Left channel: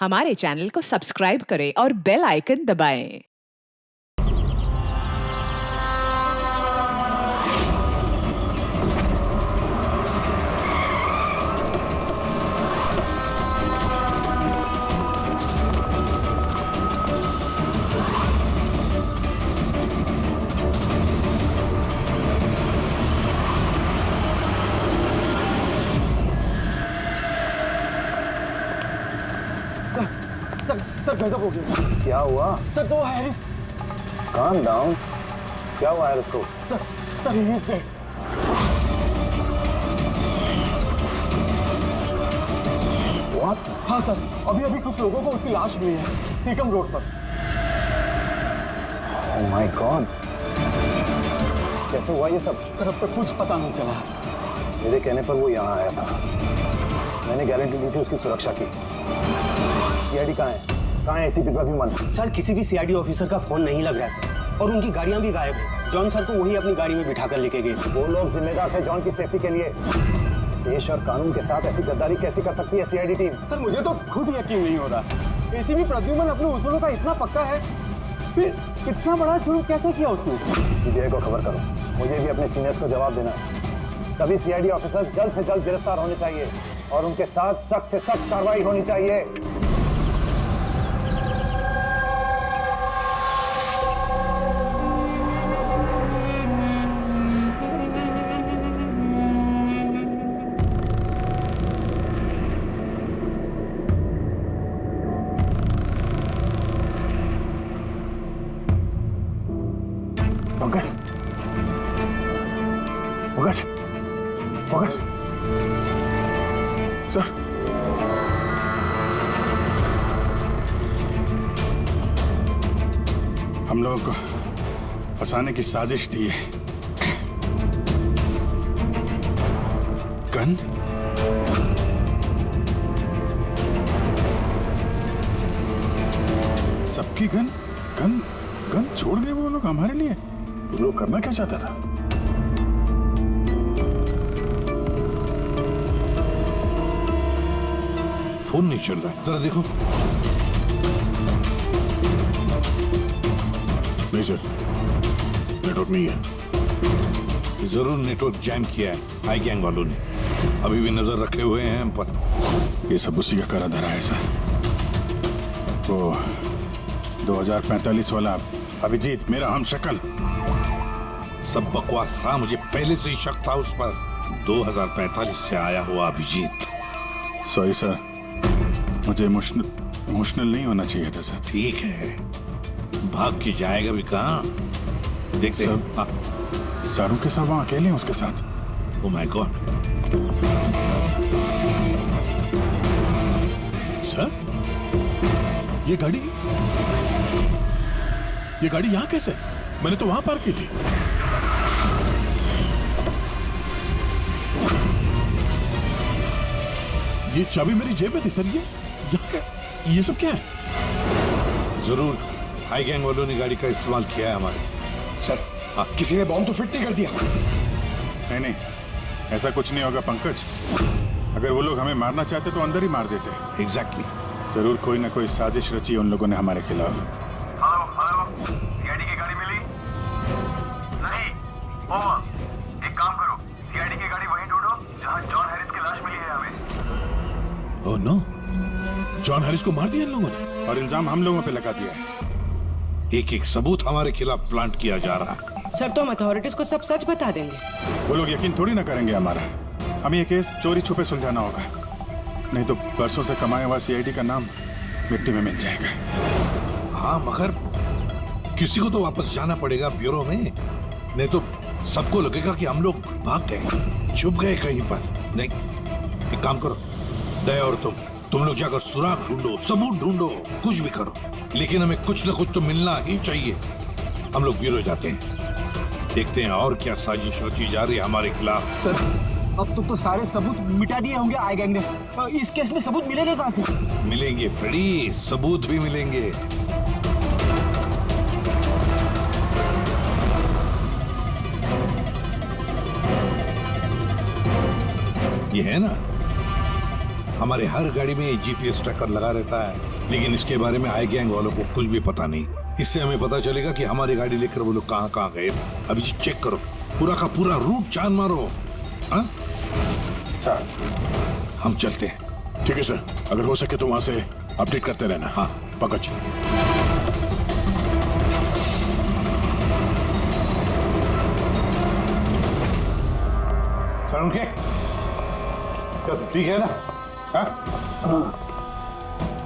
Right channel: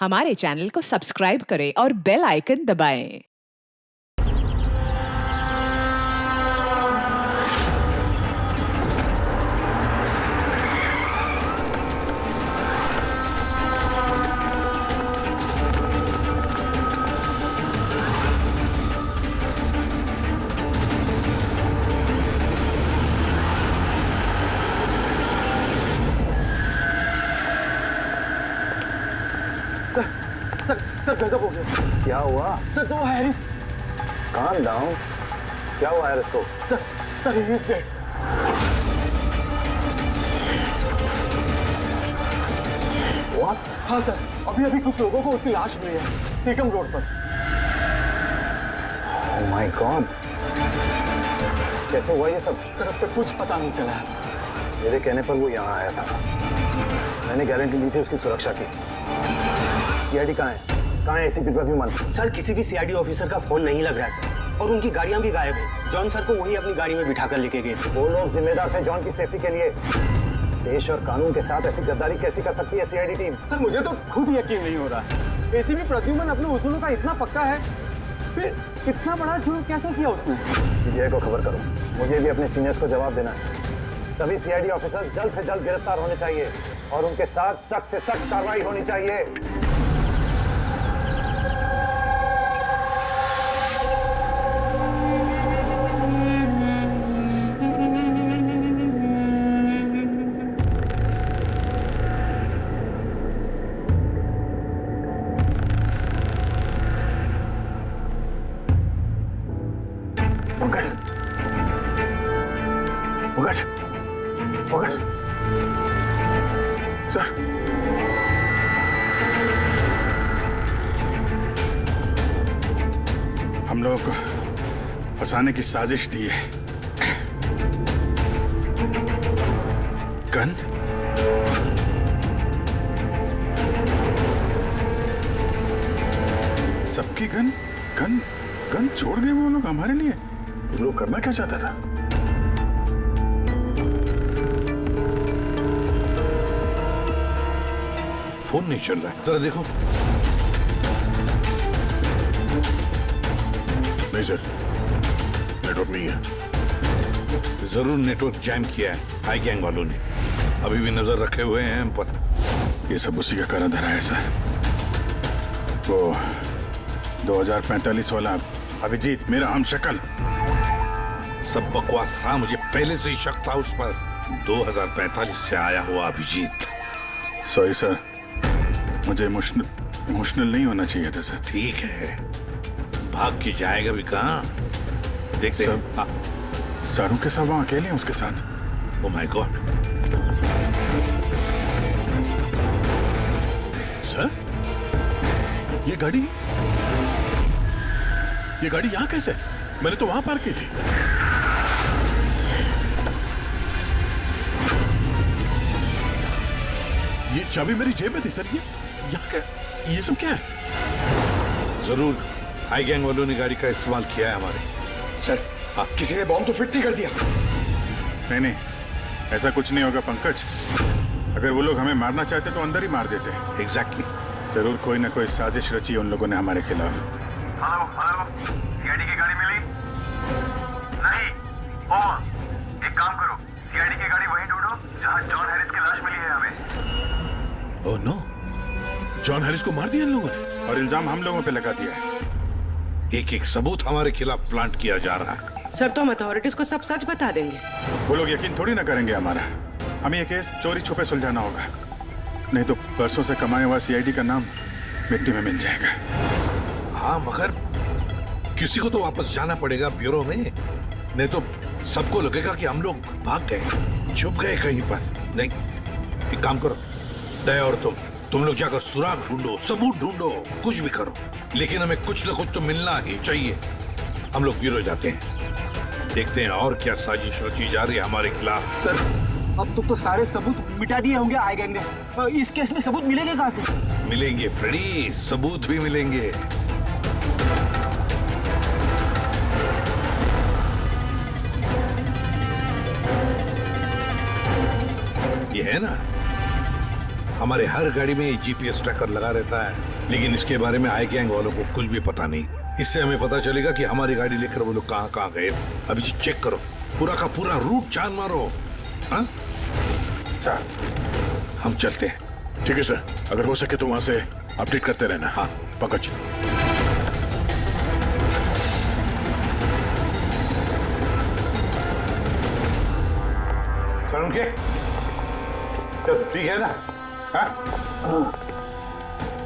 हमारे चैनल को सब्सक्राइब करें और बेल आइकन दबाएं। सर गजब हो गया। क्या हुआ? सर वो हैरिस। Calm down. क्या हुआ हैरिस को? Sir he is dead. What? हाँ सर, अभी कुछ लोगों को उसकी लाश मिली है टीकम रोड पर। ओह माय गॉड, कैसे हुआ ये सब? सर अब तक कुछ पता नहीं चला। मेरे कहने पर वो यहाँ आया था, मैंने गारंटी ली थी उसकी सुरक्षा की। सीआईडी कहाँ है? कहाँ है एसीपी प्रद्युमन? सर किसी भी सीआईडी ऑफिसर का फोन नहीं लग रहा है सर, और उनकी गाड़ियां भी गायब है। जॉन सर को वही अपनी गाड़ी में बिठाकर लेके गए थे। वो लोग जिम्मेदार थे जॉन की सेफ्टी के लिए। देश और कानून के साथ ऐसी गद्दारी कैसी कर सकती है सीआईडी टीम? सर मुझे तो खुद यकीन नहीं हो रहा। एसीपी प्रद्युमन अपने उसूलों का इतना पक्का है, फिर इतना बड़ा जुर्म कैसे किया उसने? सीबीआई को खबर करो, मुझे भी अपने सीनियर्स को जवाब देना है। सभी सीआईडी ऑफिसर्स जल्द से जल्द गिरफ्तार होने चाहिए और उनके साथ सख्त से सख्त कार्रवाई होनी चाहिए। पंकज, पंकज, पंकज, सर, हम लोगों को फंसाने की साजिश थी है। गन? सबकी गन? गन? गन छोड़ गए वो लोग हमारे लिए? वो लोग करना क्या चाहता था? फोन नहीं चल रहा है, जरा देखो। नहीं सर, नेटवर्क नहीं है। जरूर नेटवर्क जैम किया है हाई गैंग वालों ने। अभी भी नजर रखे हुए हैं हम पर। ये सब उसी का करा धरा है सर। वो 2045 वाला अभिजीत, मेरा हम शक्ल। सब बकवास था, मुझे पहले से ही शक था उस पर। 2045 से आया हुआ अभिजीत। सॉरी सर, मुझे इमोशनल नहीं होना चाहिए था सर। ठीक है, भाग के जाएगा भी कहाँ? देखते हैं। हाँ। सारू के साथ वहां अकेले हैं उसके साथ। Oh my God. सर, ये गाड़ी यहाँ कैसे? मैंने तो वहां पार्क की थी। ये चाबी मेरी जेब में थी सर। ये यहाँ क्या? ये सब क्या है? जरूर हाई गैंग वालों ने गाड़ी का इस्तेमाल किया है हमारे। सर, किसी ने बॉम्ब तो फिट नहीं कर दिया? नहीं, ऐसा कुछ नहीं होगा पंकज। अगर वो लोग हमें मारना चाहते तो अंदर ही मार देते। एग्जैक्टली। जरूर कोई ना कोई साजिश रची है उन लोगों ने हमारे खिलाफ। हेलो, सीआईडी की गाड़ी मिली? नहीं। ओवर। एक काम करो, सीआईडी की गाड़ी वहीं ढूंढो जहां जॉन हैरिस की लाश मिली है हमें। ओह नो, जॉन हैरिस को मार दिया इन लोगों ने और इल्जाम हम लोगों पे लगा दिया है। एक एक सबूत हमारे खिलाफ प्लांट किया जा रहा है। सर तो हम अथॉरिटीज को सब सच बता देंगे। वो लोग यकीन थोड़ी ना करेंगे हमारा। हमें ये केस चोरी छुपे सुलझाना होगा, नहीं तो बरसों से कमाया हुआ सीआईडी का नाम मिट्टी में मिल जाएगा। हाँ, मगर किसी को तो वापस जाना पड़ेगा ब्यूरो में, नहीं तो सबको लगेगा कि हम लोग भाग गए, छुप गए कहीं पर। नहीं, एक काम करो, दया और तुम लोग जाकर सुराग ढूंढो, सबूत ढूंढो, कुछ भी करो, लेकिन हमें कुछ न कुछ तो मिलना ही चाहिए। हम लोग ब्यूरो जाते हैं, देखते हैं और क्या साजिश रची जा रही है हमारे खिलाफ। सर अब तो सारे सबूत मिटा दिए होंगे आई गैंग ने। इस केस में सबूत मिलेंगे कहाँ से? मिलेंगे फ्रेडी, सबूत भी मिलेंगे। ये है ना हमारे हर गाड़ी में जीपीएस ट्रैकर लगा रहता है, लेकिन इसके बारे में आई गैंग वालों को कुछ भी पता नहीं। इससे हमें पता चलेगा कि हमारी गाड़ी लेकर वो लोग कहाँ कहाँ गए। अभी जी चेक करो, पूरा का पूरा रूट जान मारो। हाँ सर, हम चलते हैं। ठीक है सर, अगर हो सके तो वहां से अपडेट करते रहना। हाँ पंकज। सर उनके ठीक है ना? हाँ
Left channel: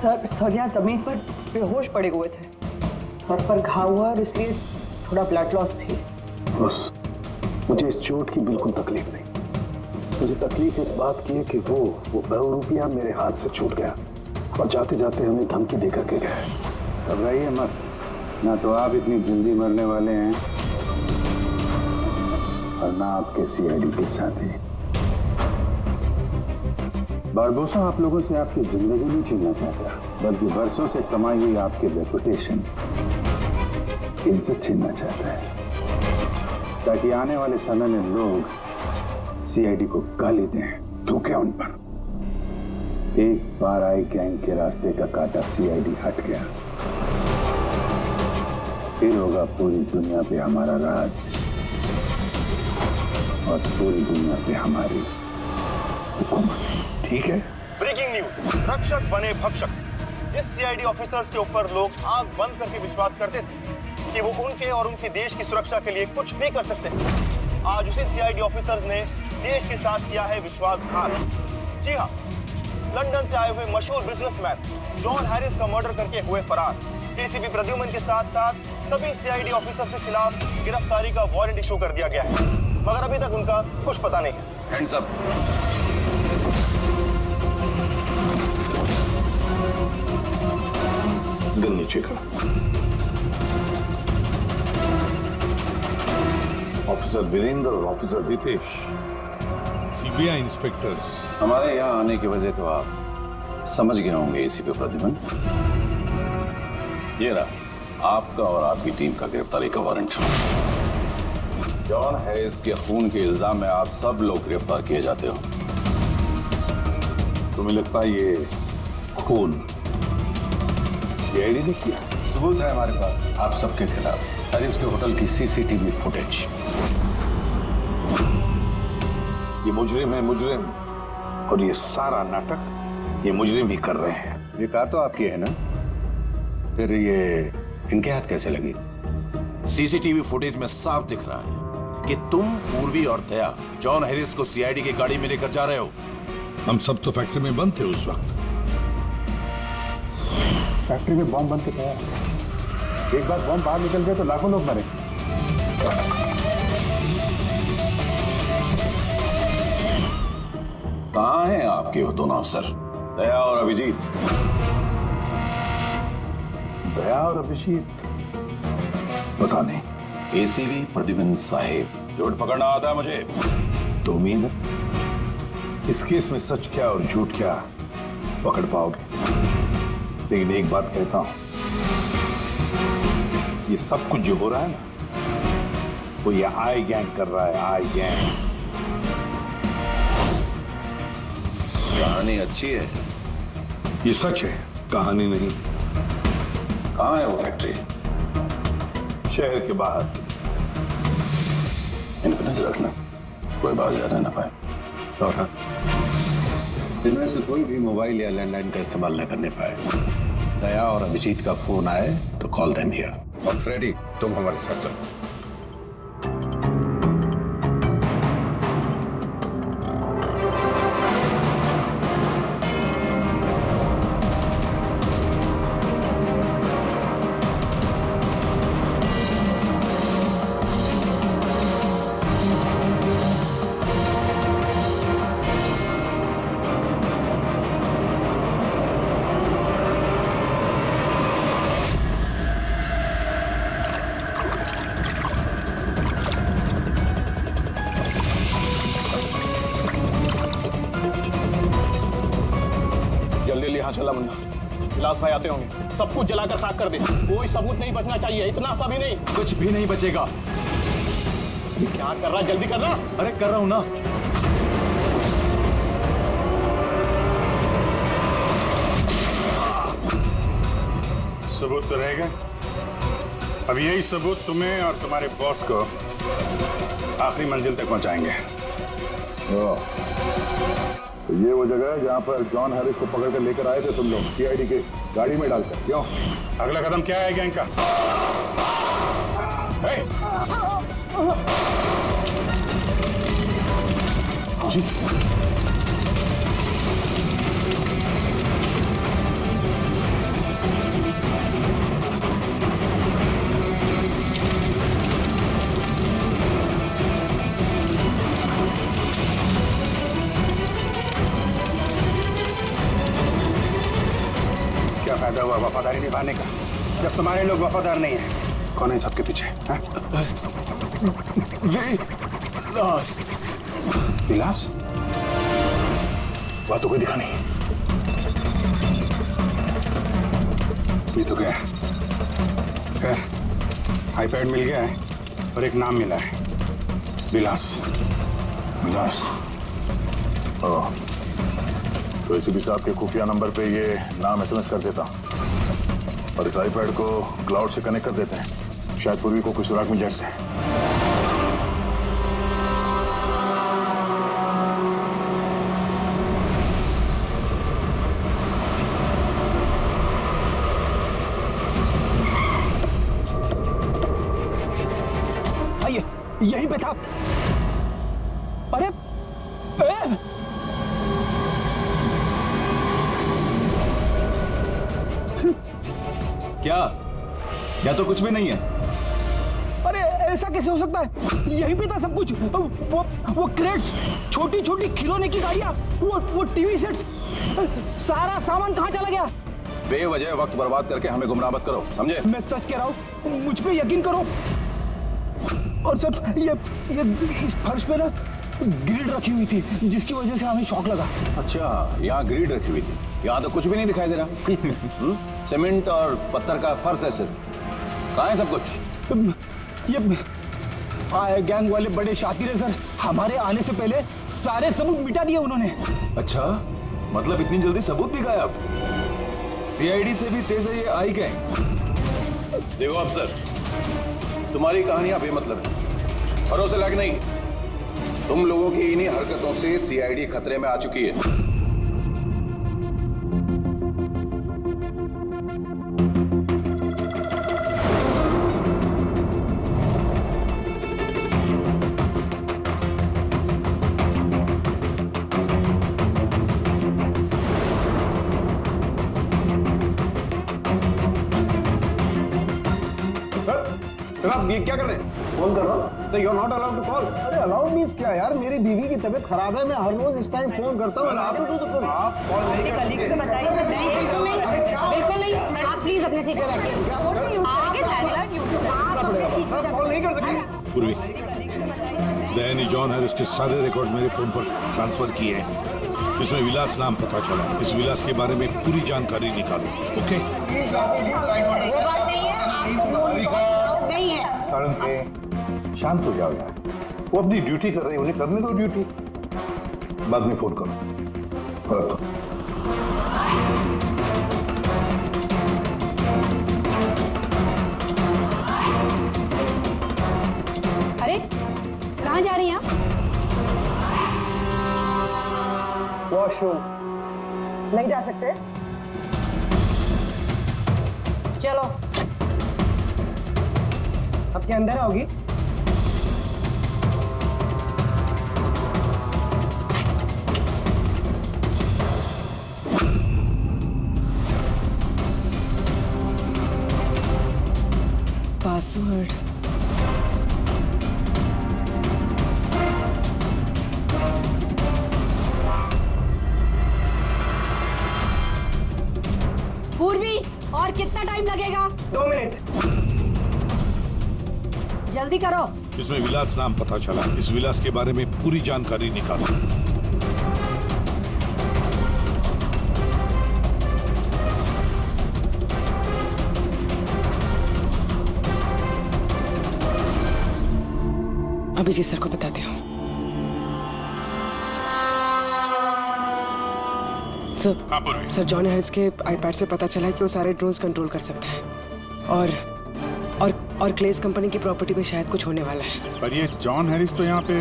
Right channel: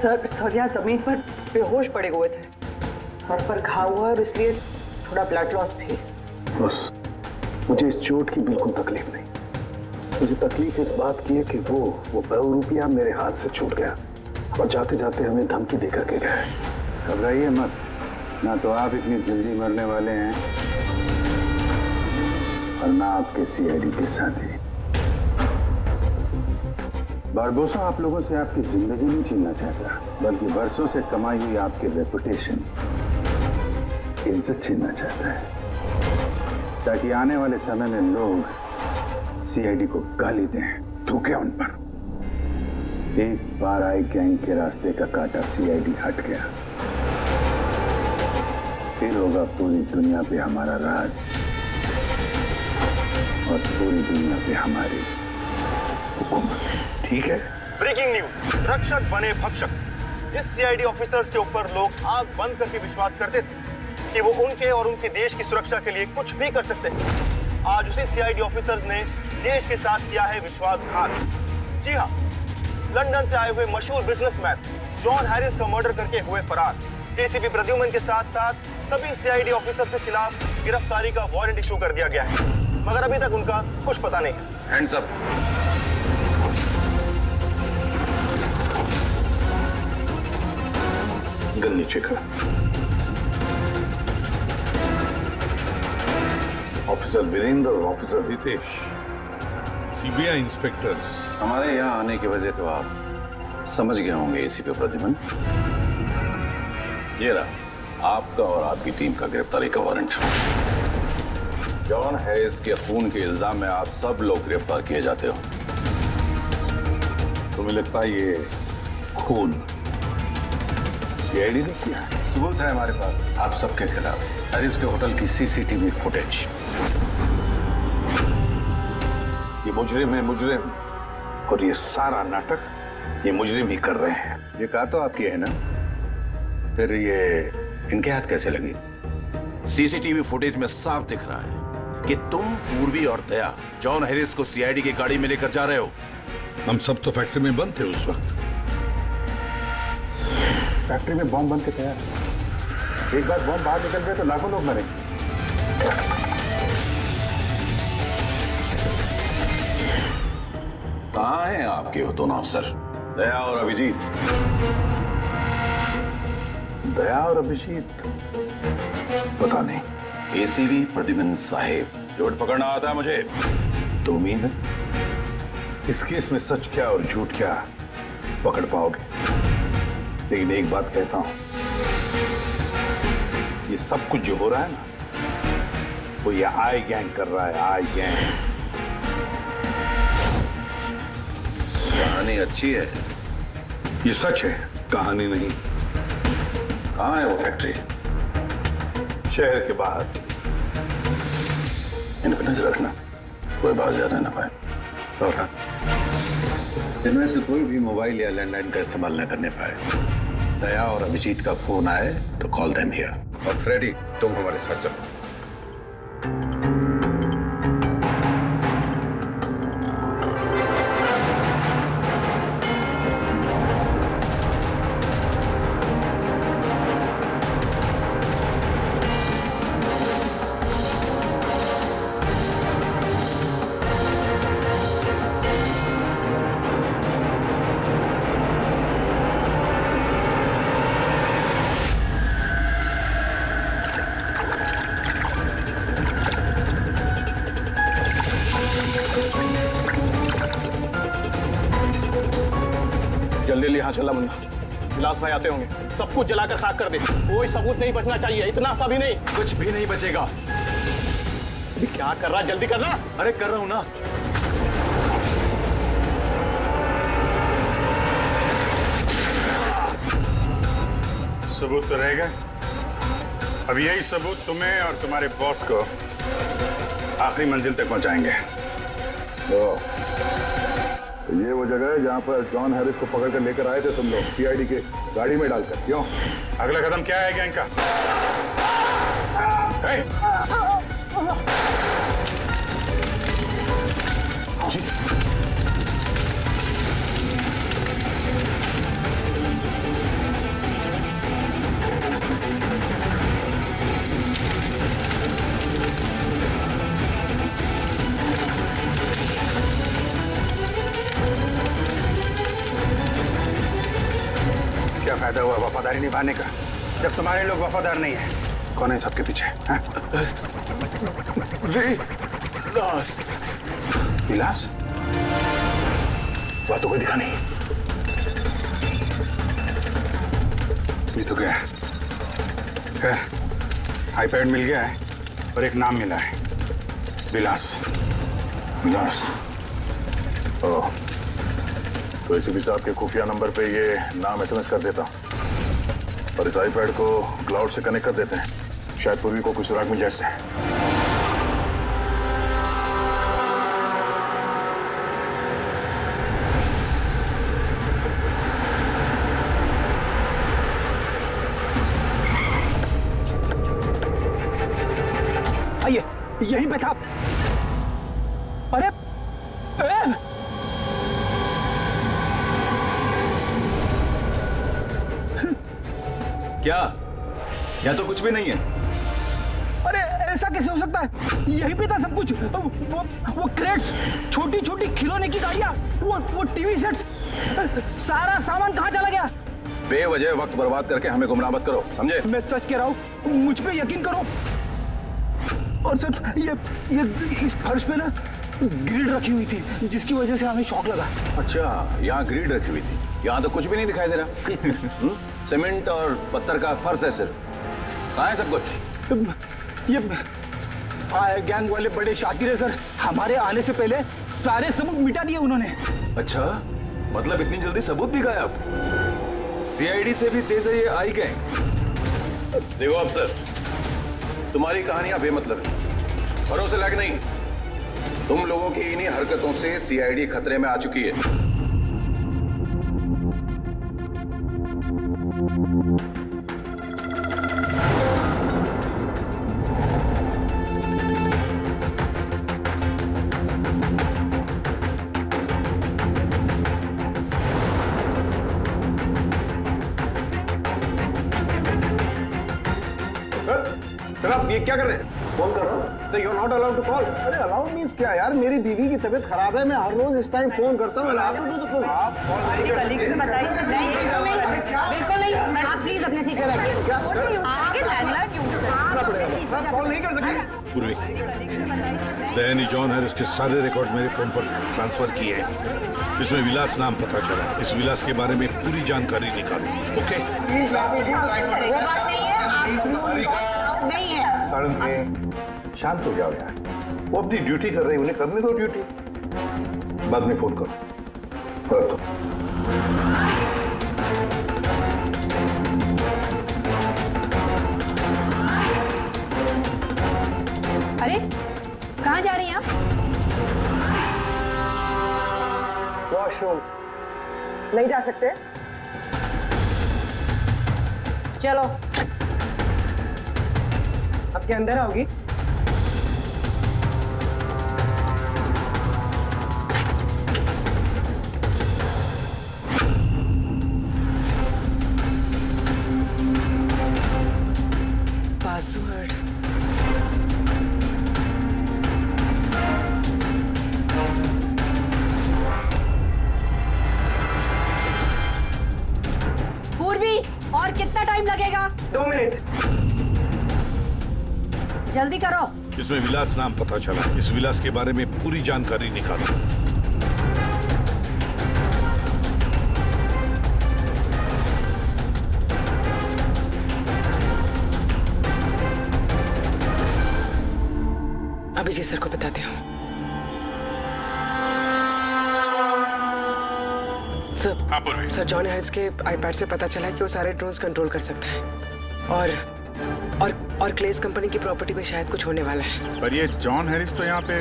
सर यहाँ जमीन पर बेहोश पड़े हुए थे, सर पर घाव हुआ और इसलिए थोड़ा ब्लड लॉस भी। बस मुझे इस चोट की बिल्कुल तकलीफ नहीं। मुझे तकलीफ इस बात की है कि वो ₹200 मेरे हाथ से छूट गया और जाते जाते हमें धमकी देकर के गए। घबराइए मत, ना तो आप इतनी जल्दी मरने वाले हैं और ना आपके सीआईडी के साथी। बारबोसा आप लोगों से आपकी जिंदगी नहीं छीनना चाहता, बल्कि बरसों से कमाई हुई आपकी रेपुटेशन, इज्जत छीनना चाहता है, ताकि आने वाले समय में लोग सीआईडी को गाली दें, थूकें उन पर। एक बार आई गैंग के रास्ते का कांटा सीआईडी हट गया, फिर होगा पूरी दुनिया पे हमारा राज और पूरी दुनिया पे हमारी हुकूमत। ठीक है। ब्रेकिंग न्यूज, रक्षक बने भक्षक। जिस सीआईडी ऑफिसर्स के ऊपर लोग आंख बंद करके विश्वास करते थे कि वो उनके और उनके देश की सुरक्षा के लिए कुछ भी कर सकते हैं, आज उसी सीआईडी ऑफिसर्स ने देश के साथ किया है विश्वासघात। जी हाँ, लंदन से आए हुए मशहूर बिजनेसमैन जॉन हैरिस का मर्डर करके हुए फरार एसीपी प्रद्युमन के साथ साथ सभी सीआईडी ऑफिसर्स के खिलाफ गिरफ्तारी का वारंट इशू कर दिया गया है, मगर अभी तक उनका कुछ पता नहीं है। Hands up. गन नीचे कर। ऑफिसर वीरेंद्र और ऑफिसर हितेश, सीबीआई इंस्पेक्टर्स। हमारे यहाँ आने की वजह तो आप समझ गए होंगे एसीपी प्रद्युमन। ये रहा आपका और आपकी टीम का गिरफ्तारी का वारंट। जॉन हैरिस के खून के इल्जाम में आप सब लोग गिरफ्तार किए जाते हो। तुम्हें लगता है ये खून सीआईडी ने किया? सबूत है हमारे पास आप सबके खिलाफ। हैरिस के होटल की सीसीटीवी फुटेज। ये मुजरिम है, मुजरिम, और ये सारा नाटक ये मुजरिम ही कर रहे हैं। ये कार तो आपकी है ना, फिर ये इनके हाथ कैसे लगी? सीसीटीवी फुटेज में साफ दिख रहा है कि तुम, पूर्वी और दया जॉन हैरिस को सीआईडी की गाड़ी में लेकर जा रहे हो। हम सब तो फैक्ट्री में बंद थे उस वक्त। फैक्ट्री में बॉम्ब बन के तैयार है। एक बार बॉम्ब बाहर निकल गए तो लाखों लोग मरेंगे। कहाँ हैं आपके वो दोनों अफसर, दया और अभिजीत? दया और अभिजीत पता नहीं। एसीपी प्रद्युमन साहेब, झूठ पकड़ना आता है मुझे। तो उम्मीद है इस केस में सच क्या और झूठ क्या पकड़ पाओगे। लेकिन एक बात कहता हूं, ये सब कुछ जो हो रहा है ना, वो ये आई गैंग कर रहा है। आई गैंग। कहानी अच्छी है, ये सच है, कहानी नहीं। कहाँ है वो फैक्ट्री? शहर के बाहर। इन पर नजर रखना, कोई बाहर जाने ना पाए। और हाँ, इनमें से कोई भी मोबाइल या लैंडलाइन का इस्तेमाल न करने पाए। दया और अभिजीत का फोन आए तो कॉल देम हियर। और फ्रेडी, तुम हमारे साथ चलो। जल्दी यहाँ चला मुन्ना, विलास भाई आते होंगे। सब कुछ जलाकर खाक कर दे, कोई सबूत नहीं बचना चाहिए। इतना सा भी नहीं। कुछ भी नहीं बचेगा। क्या कर रहा, जल्दी करना। अरे कर रहा हूं ना। सबूत तो रहेगा। अब यही सबूत तुम्हें और तुम्हारे बॉस को आखिरी मंजिल तक पहुंचाएंगे। तो ये वो जगह है जहां पर जॉन हैरिस को पकड़ कर लेकर आए थे तुम लोग, सीआईडी के गाड़ी में डालकर। क्यों? अगला कदम क्या है गैंग का? जी क्या फायदा हुआ वफादारी निभाने का जब तुम्हारे लोग वफादार नहीं है? कौन है सबके पीछे? विलास। विलास? वह तो कोई दिखा नहीं। ये तो क्या है? खैर, आईपैड मिल गया है और एक नाम मिला है, विलास। विलास? ओह, तो एसीपी साहब के खुफिया नंबर पे ये नाम एसएमएस कर देता और इस आईपैड को क्लाउड से कनेक्ट कर देते हैं, शायद पूर्वी को कुछ सुराग मिल जाए इससे। आइए, यहीं पे था। अरे क्या? या तो कुछ भी नहीं है। अरे ऐसा कैसे हो सकता है? यहीं पे था सब कुछ। वो क्रेट्स, छोटी छोटी खिलौने की गाड़ियां, वो टीवी सेट्स, सारा सामान कहाँ चला गया? बेवजह वक्त बर्बाद करके हमें गुमराह मत करो, समझे? मैं सच कह रहा हूँ, मुझ पे यकीन करो। और सर ये इस फर्श पे ना ग्रिड रखी हुई थी, जिसकी वजह से हमें शॉक लगा। अच्छा, यहाँ ग्रिड रखी हुई थी। यहाँ तो कुछ भी नहीं दिखाई दे रहा। सीमेंट और पत्थर का फर्श है सिर्फ। कहाँ है सब कुछ? ये गैंग वाले बड़े शातिर है सर, हमारे आने से पहले सारे सबूत मिटा दिए उन्होंने। अच्छा, मतलब इतनी जल्दी सबूत भी गायब? सीआईडी से भी तेज है ये आई गैंग। देखो अफसर, तुम्हारी कहानियां बेमतलब है, भरोसे लायक नहीं। तुम लोगों की इन्हीं हरकतों से सीआईडी खतरे में आ चुकी है। सर आप ये क्या कर रहे हैं? फोन कर रहा हूँ। Sir you are not allowed to call. अरे अलाउड मीन्स क्या यार? मेरी बीवी की तबीयत खराब है, मैं हर रोज इस टाइम फोन करता हूँ। आप कॉल नहीं कर सकते। बिल्कुल नहीं। आप प्लीज अपने सीट पे बैठिए। कॉल नहीं कर सकते। पूर्वी, दयानी जॉन हैरिस के सारे रिकॉर्ड मेरे फोन पर ट्रांसफर किए हैं। इसमें विलास नाम पता चला। इस विलास के बारे में पूरी जानकारी निकालो। ओके? वो बात नहीं है, नहीं है। शांत हो जाओ यार, वो अपनी ड्यूटी कर रही है, उन्हें करने दो ड्यूटी। बाद में फोन करो। रखो। अरे कहाँ जा रही हैं आप? वॉशरूम। नहीं जा सकते? चलो। अब क्या अंदर आओगी? पासवर्ड। पूर्वी, और कितना टाइम लगेगा? 2 मिनट। जल्दी करो। इसमें विलास नाम पता चला। इस विलास के बारे में पूरी जानकारी निकालो। अभिजीत सर को बताती हूँ। सर हाँ पूर्वी। सर जॉन हैरिस के आईपैड से पता चला है कि वो सारे ड्रोन्स कंट्रोल कर सकता है और क्लेस कंपनी की प्रॉपर्टी पे शायद कुछ होने वाला है। पर ये जॉन हैरिस तो यहाँ पे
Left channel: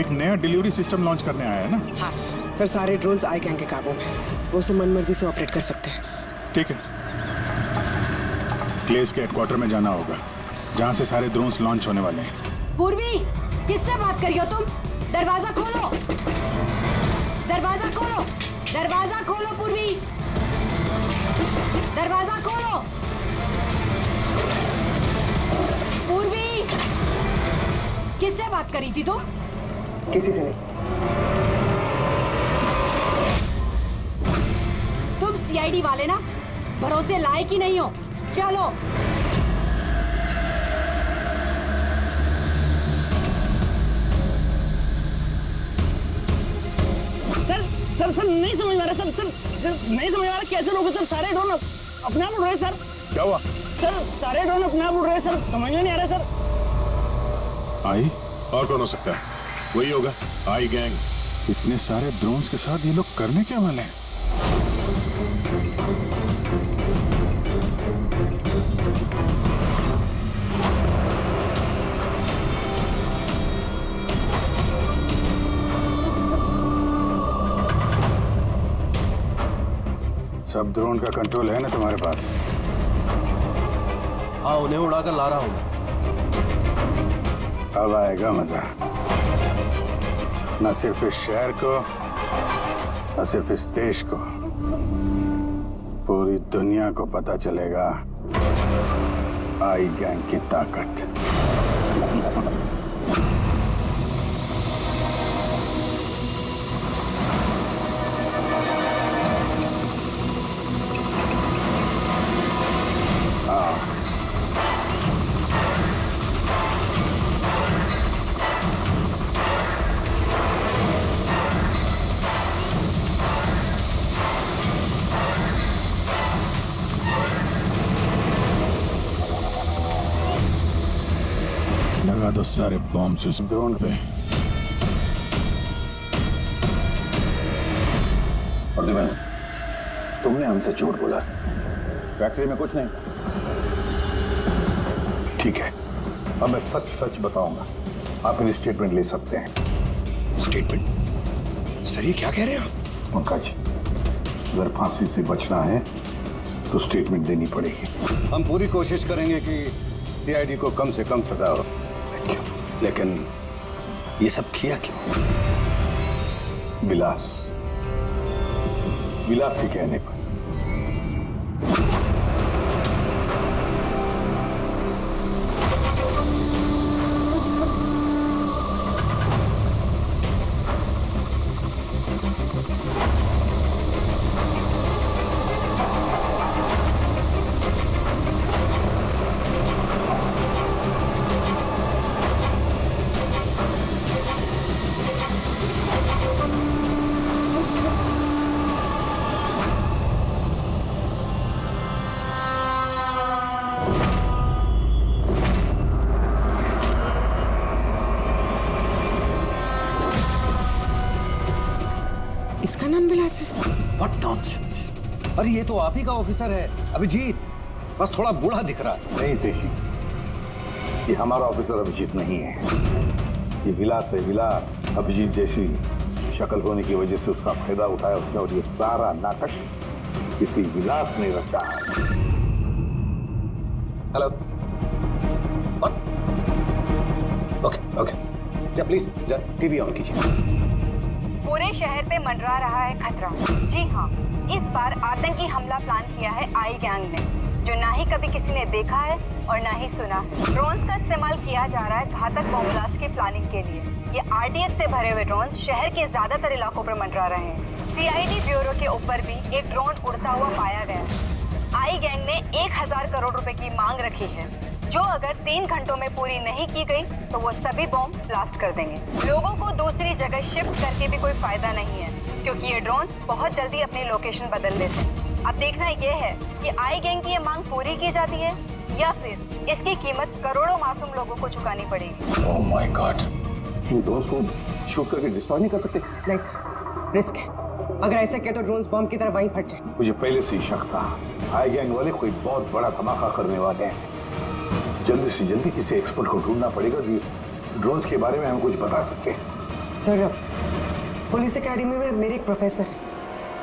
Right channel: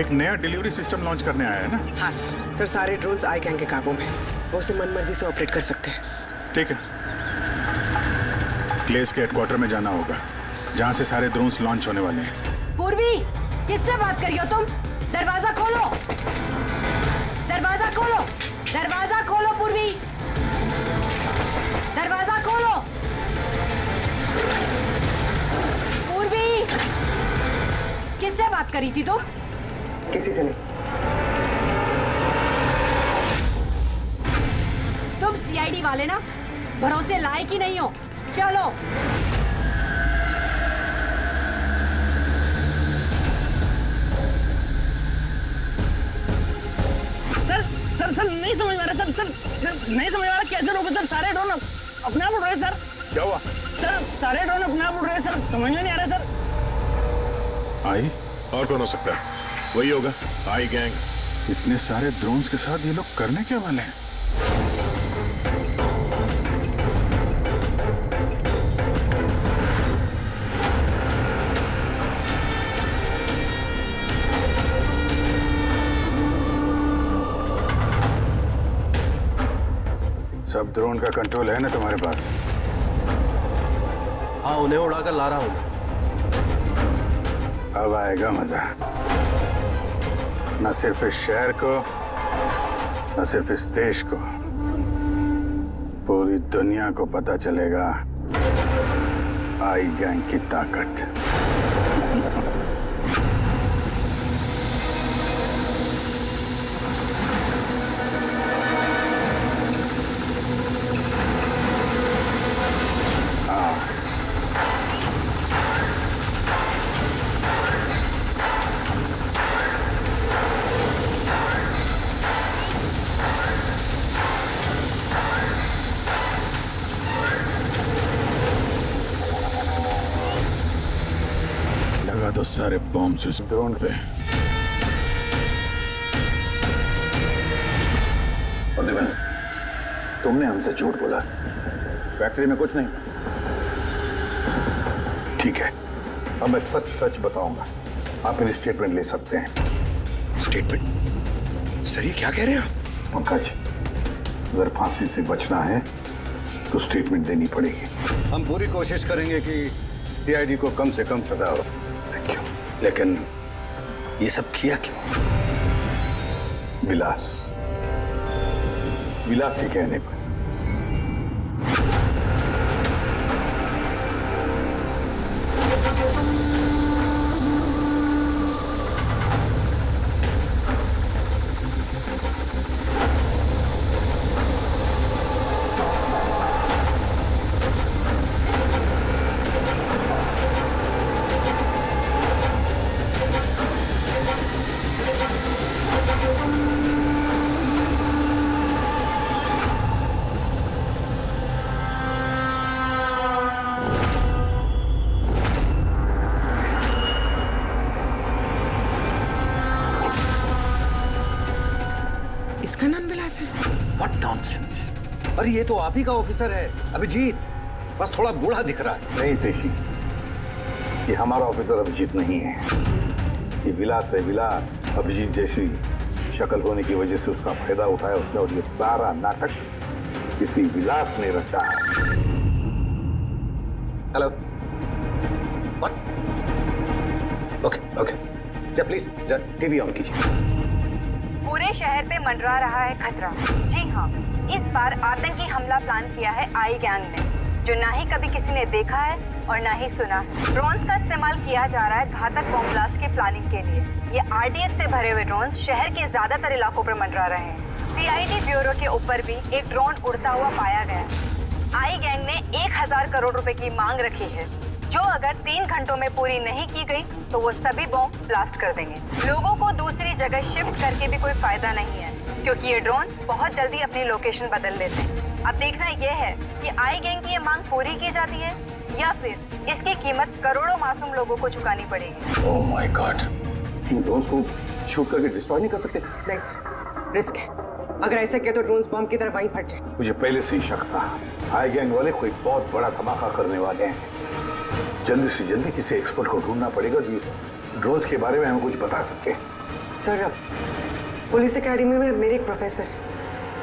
एक नया डिलीवरी सिस्टम लॉन्च करने आया है ना? हाँ सर सारे ड्रोन्स आई गैंग के काबू में, वो उसे मनमर्जी से ऑपरेट कर सकते हैं। ठीक है, क्लेस के हेडक्वार्टर में जाना होगा जहाँ से सारे ड्रोन्स लॉन्च होने वाले हैं। पूर्वी, किससे बात कर रही हो तुम? दरवाजा खोलो, दरवाजा खोलो, दरवाजा खोलो पूर्वी, दरवाजा खोलो। पूर्वी, किससे बात करी थी तुम? किसी से नहीं। तुम सीआईडी वाले ना, भरोसे लायक ही नहीं हो। चलो। सर नहीं समझ में आ रहा सर नहीं समझ में आ रहा कैसे रोको सर? सारे ड्रोन अपने आप उड़ रहे सर। क्या हुआ सर? सारे ड्रोन अपने आप उड़ रहे सर, समझ में नहीं आ रहा सर। आई और कौन हो सकता है? वही होगा, आई गैंग। इतने सारे ड्रोन्स के साथ ये लोग करने क्या वाले हैं? सब ड्रोन का कंट्रोल है ना तुम्हारे पास? हाँ, उन्हें उड़ाकर ला रहा हूं मैं। अब आएगा मजा, न सिर्फ इस शहर को, न सिर्फ इस देश को, पूरी दुनिया को पता चलेगा आई गैंग की ताकत। लगा दो सारे बॉम्ब्स इस ड्रोन पे। और तुमने हमसे झूठ बोला, फैक्ट्री में कुछ नहीं। ठीक है, अब मैं सच सच बताऊंगा। आप मेरी स्टेटमेंट ले सकते हैं। स्टेटमेंट? सर ये क्या कह रहे हैं आप? पंकज, अगर फांसी से बचना है तो स्टेटमेंट देनी पड़ेगी। हम पूरी कोशिश करेंगे कि सीआईडी को कम से कम सजा हो, लेकिन ये सब किया क्यों? विलास के कहने पर। इसका नाम विलास है? What nonsense! अरे ये तो आप ही का ऑफिसर है, अभिजीत। बस थोड़ा बूढ़ा दिख रहा है। नहीं तेशी, ये हमारा ऑफिसर अभिजीत नहीं है, ये विलास है। विलास अभिजीत जैसी शक्ल होने की वजह से उसका फायदा उठाया उसने, और ये सारा नाटक किसी विलास ने रचा है। हेलो। ओके जा प्लीज, जा टीवी ऑन कीजिए। पूरे शहर पे मंडरा रहा है खतरा। जी हाँ, इस बार आतंकी हमला प्लान किया है आई गैंग ने, जो ना ही कभी किसी ने देखा है और ना ही सुना है। ड्रोन्स का इस्तेमाल किया जा रहा है घातक बॉम्ब ब्लास्ट की प्लानिंग के लिए। ये आरडीएक्स से भरे हुए ड्रोन्स शहर के ज्यादातर इलाकों पर मंडरा रहे हैं। सीआईडी ब्यूरो के ऊपर भी एक ड्रोन उड़ता हुआ पाया गया है। आई गैंग ने 1000 करोड़ रुपए की मांग रखी है, जो अगर 3 घंटों में पूरी नहीं की गई तो वो सभी बॉम्ब ब्लास्ट कर देंगे। लोगों को दूसरी जगह शिफ्ट करके भी कोई फायदा नहीं है, क्योंकि ये ड्रोन बहुत जल्दी अपनी लोकेशन बदल लेते हैं। अब देखना ये है कि आई गैंग की ये मांग पूरी की जाती है या फिर इसकी कीमत करोड़ों मासूम लोगों को चुकानी पड़ेगी। Oh my God, in drones को शूट करके डिस्ट्रॉय नहीं कर सकते? नहीं सर, रिस्क है। अगर ऐसे किया तो ड्रोन्स बॉम्ब की तरह वहीं फट जाए। मुझे पहले से ही शक था आई गैंग वाले कोई बहुत बड़ा धमाका करने वाले हैं। जल्दी से जल्दी किसी एक्सपर्ट को ढूंढना पड़ेगा जो इस ड्रोन्स के बारे में हमें कुछ बता सके। सर, पुलिस एकेडमी में मेरे एक प्रोफेसर है,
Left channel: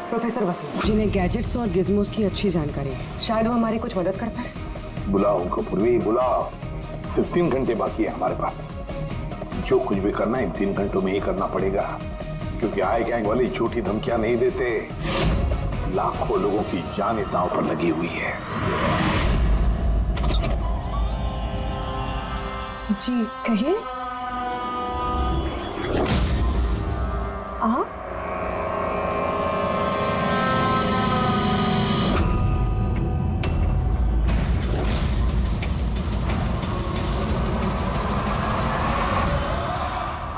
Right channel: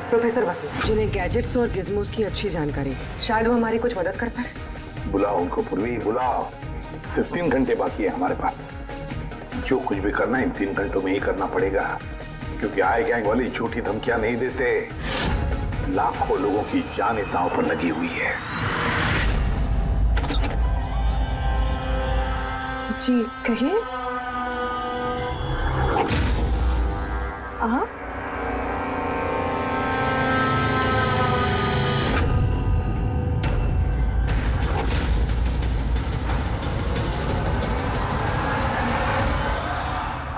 प्रोफेसर वसीम, जिन्हें गैजेट्स और गिज़मोस की अच्छी जानकारी है। शायद वो हमारी कुछ मदद कर पाए। बुलाओ उनको पूर्वी, बुलाओ। सिर्फ 3 घंटे बाकी है हमारे पास। जो कुछ भी करना है इन 3 घंटों में ही करना पड़ेगा, क्योंकि आई गैंग वाले झूठी धमकियां नहीं देते। लाखों लोगों की जान दांव पर लगी हुई है। जी कहिए।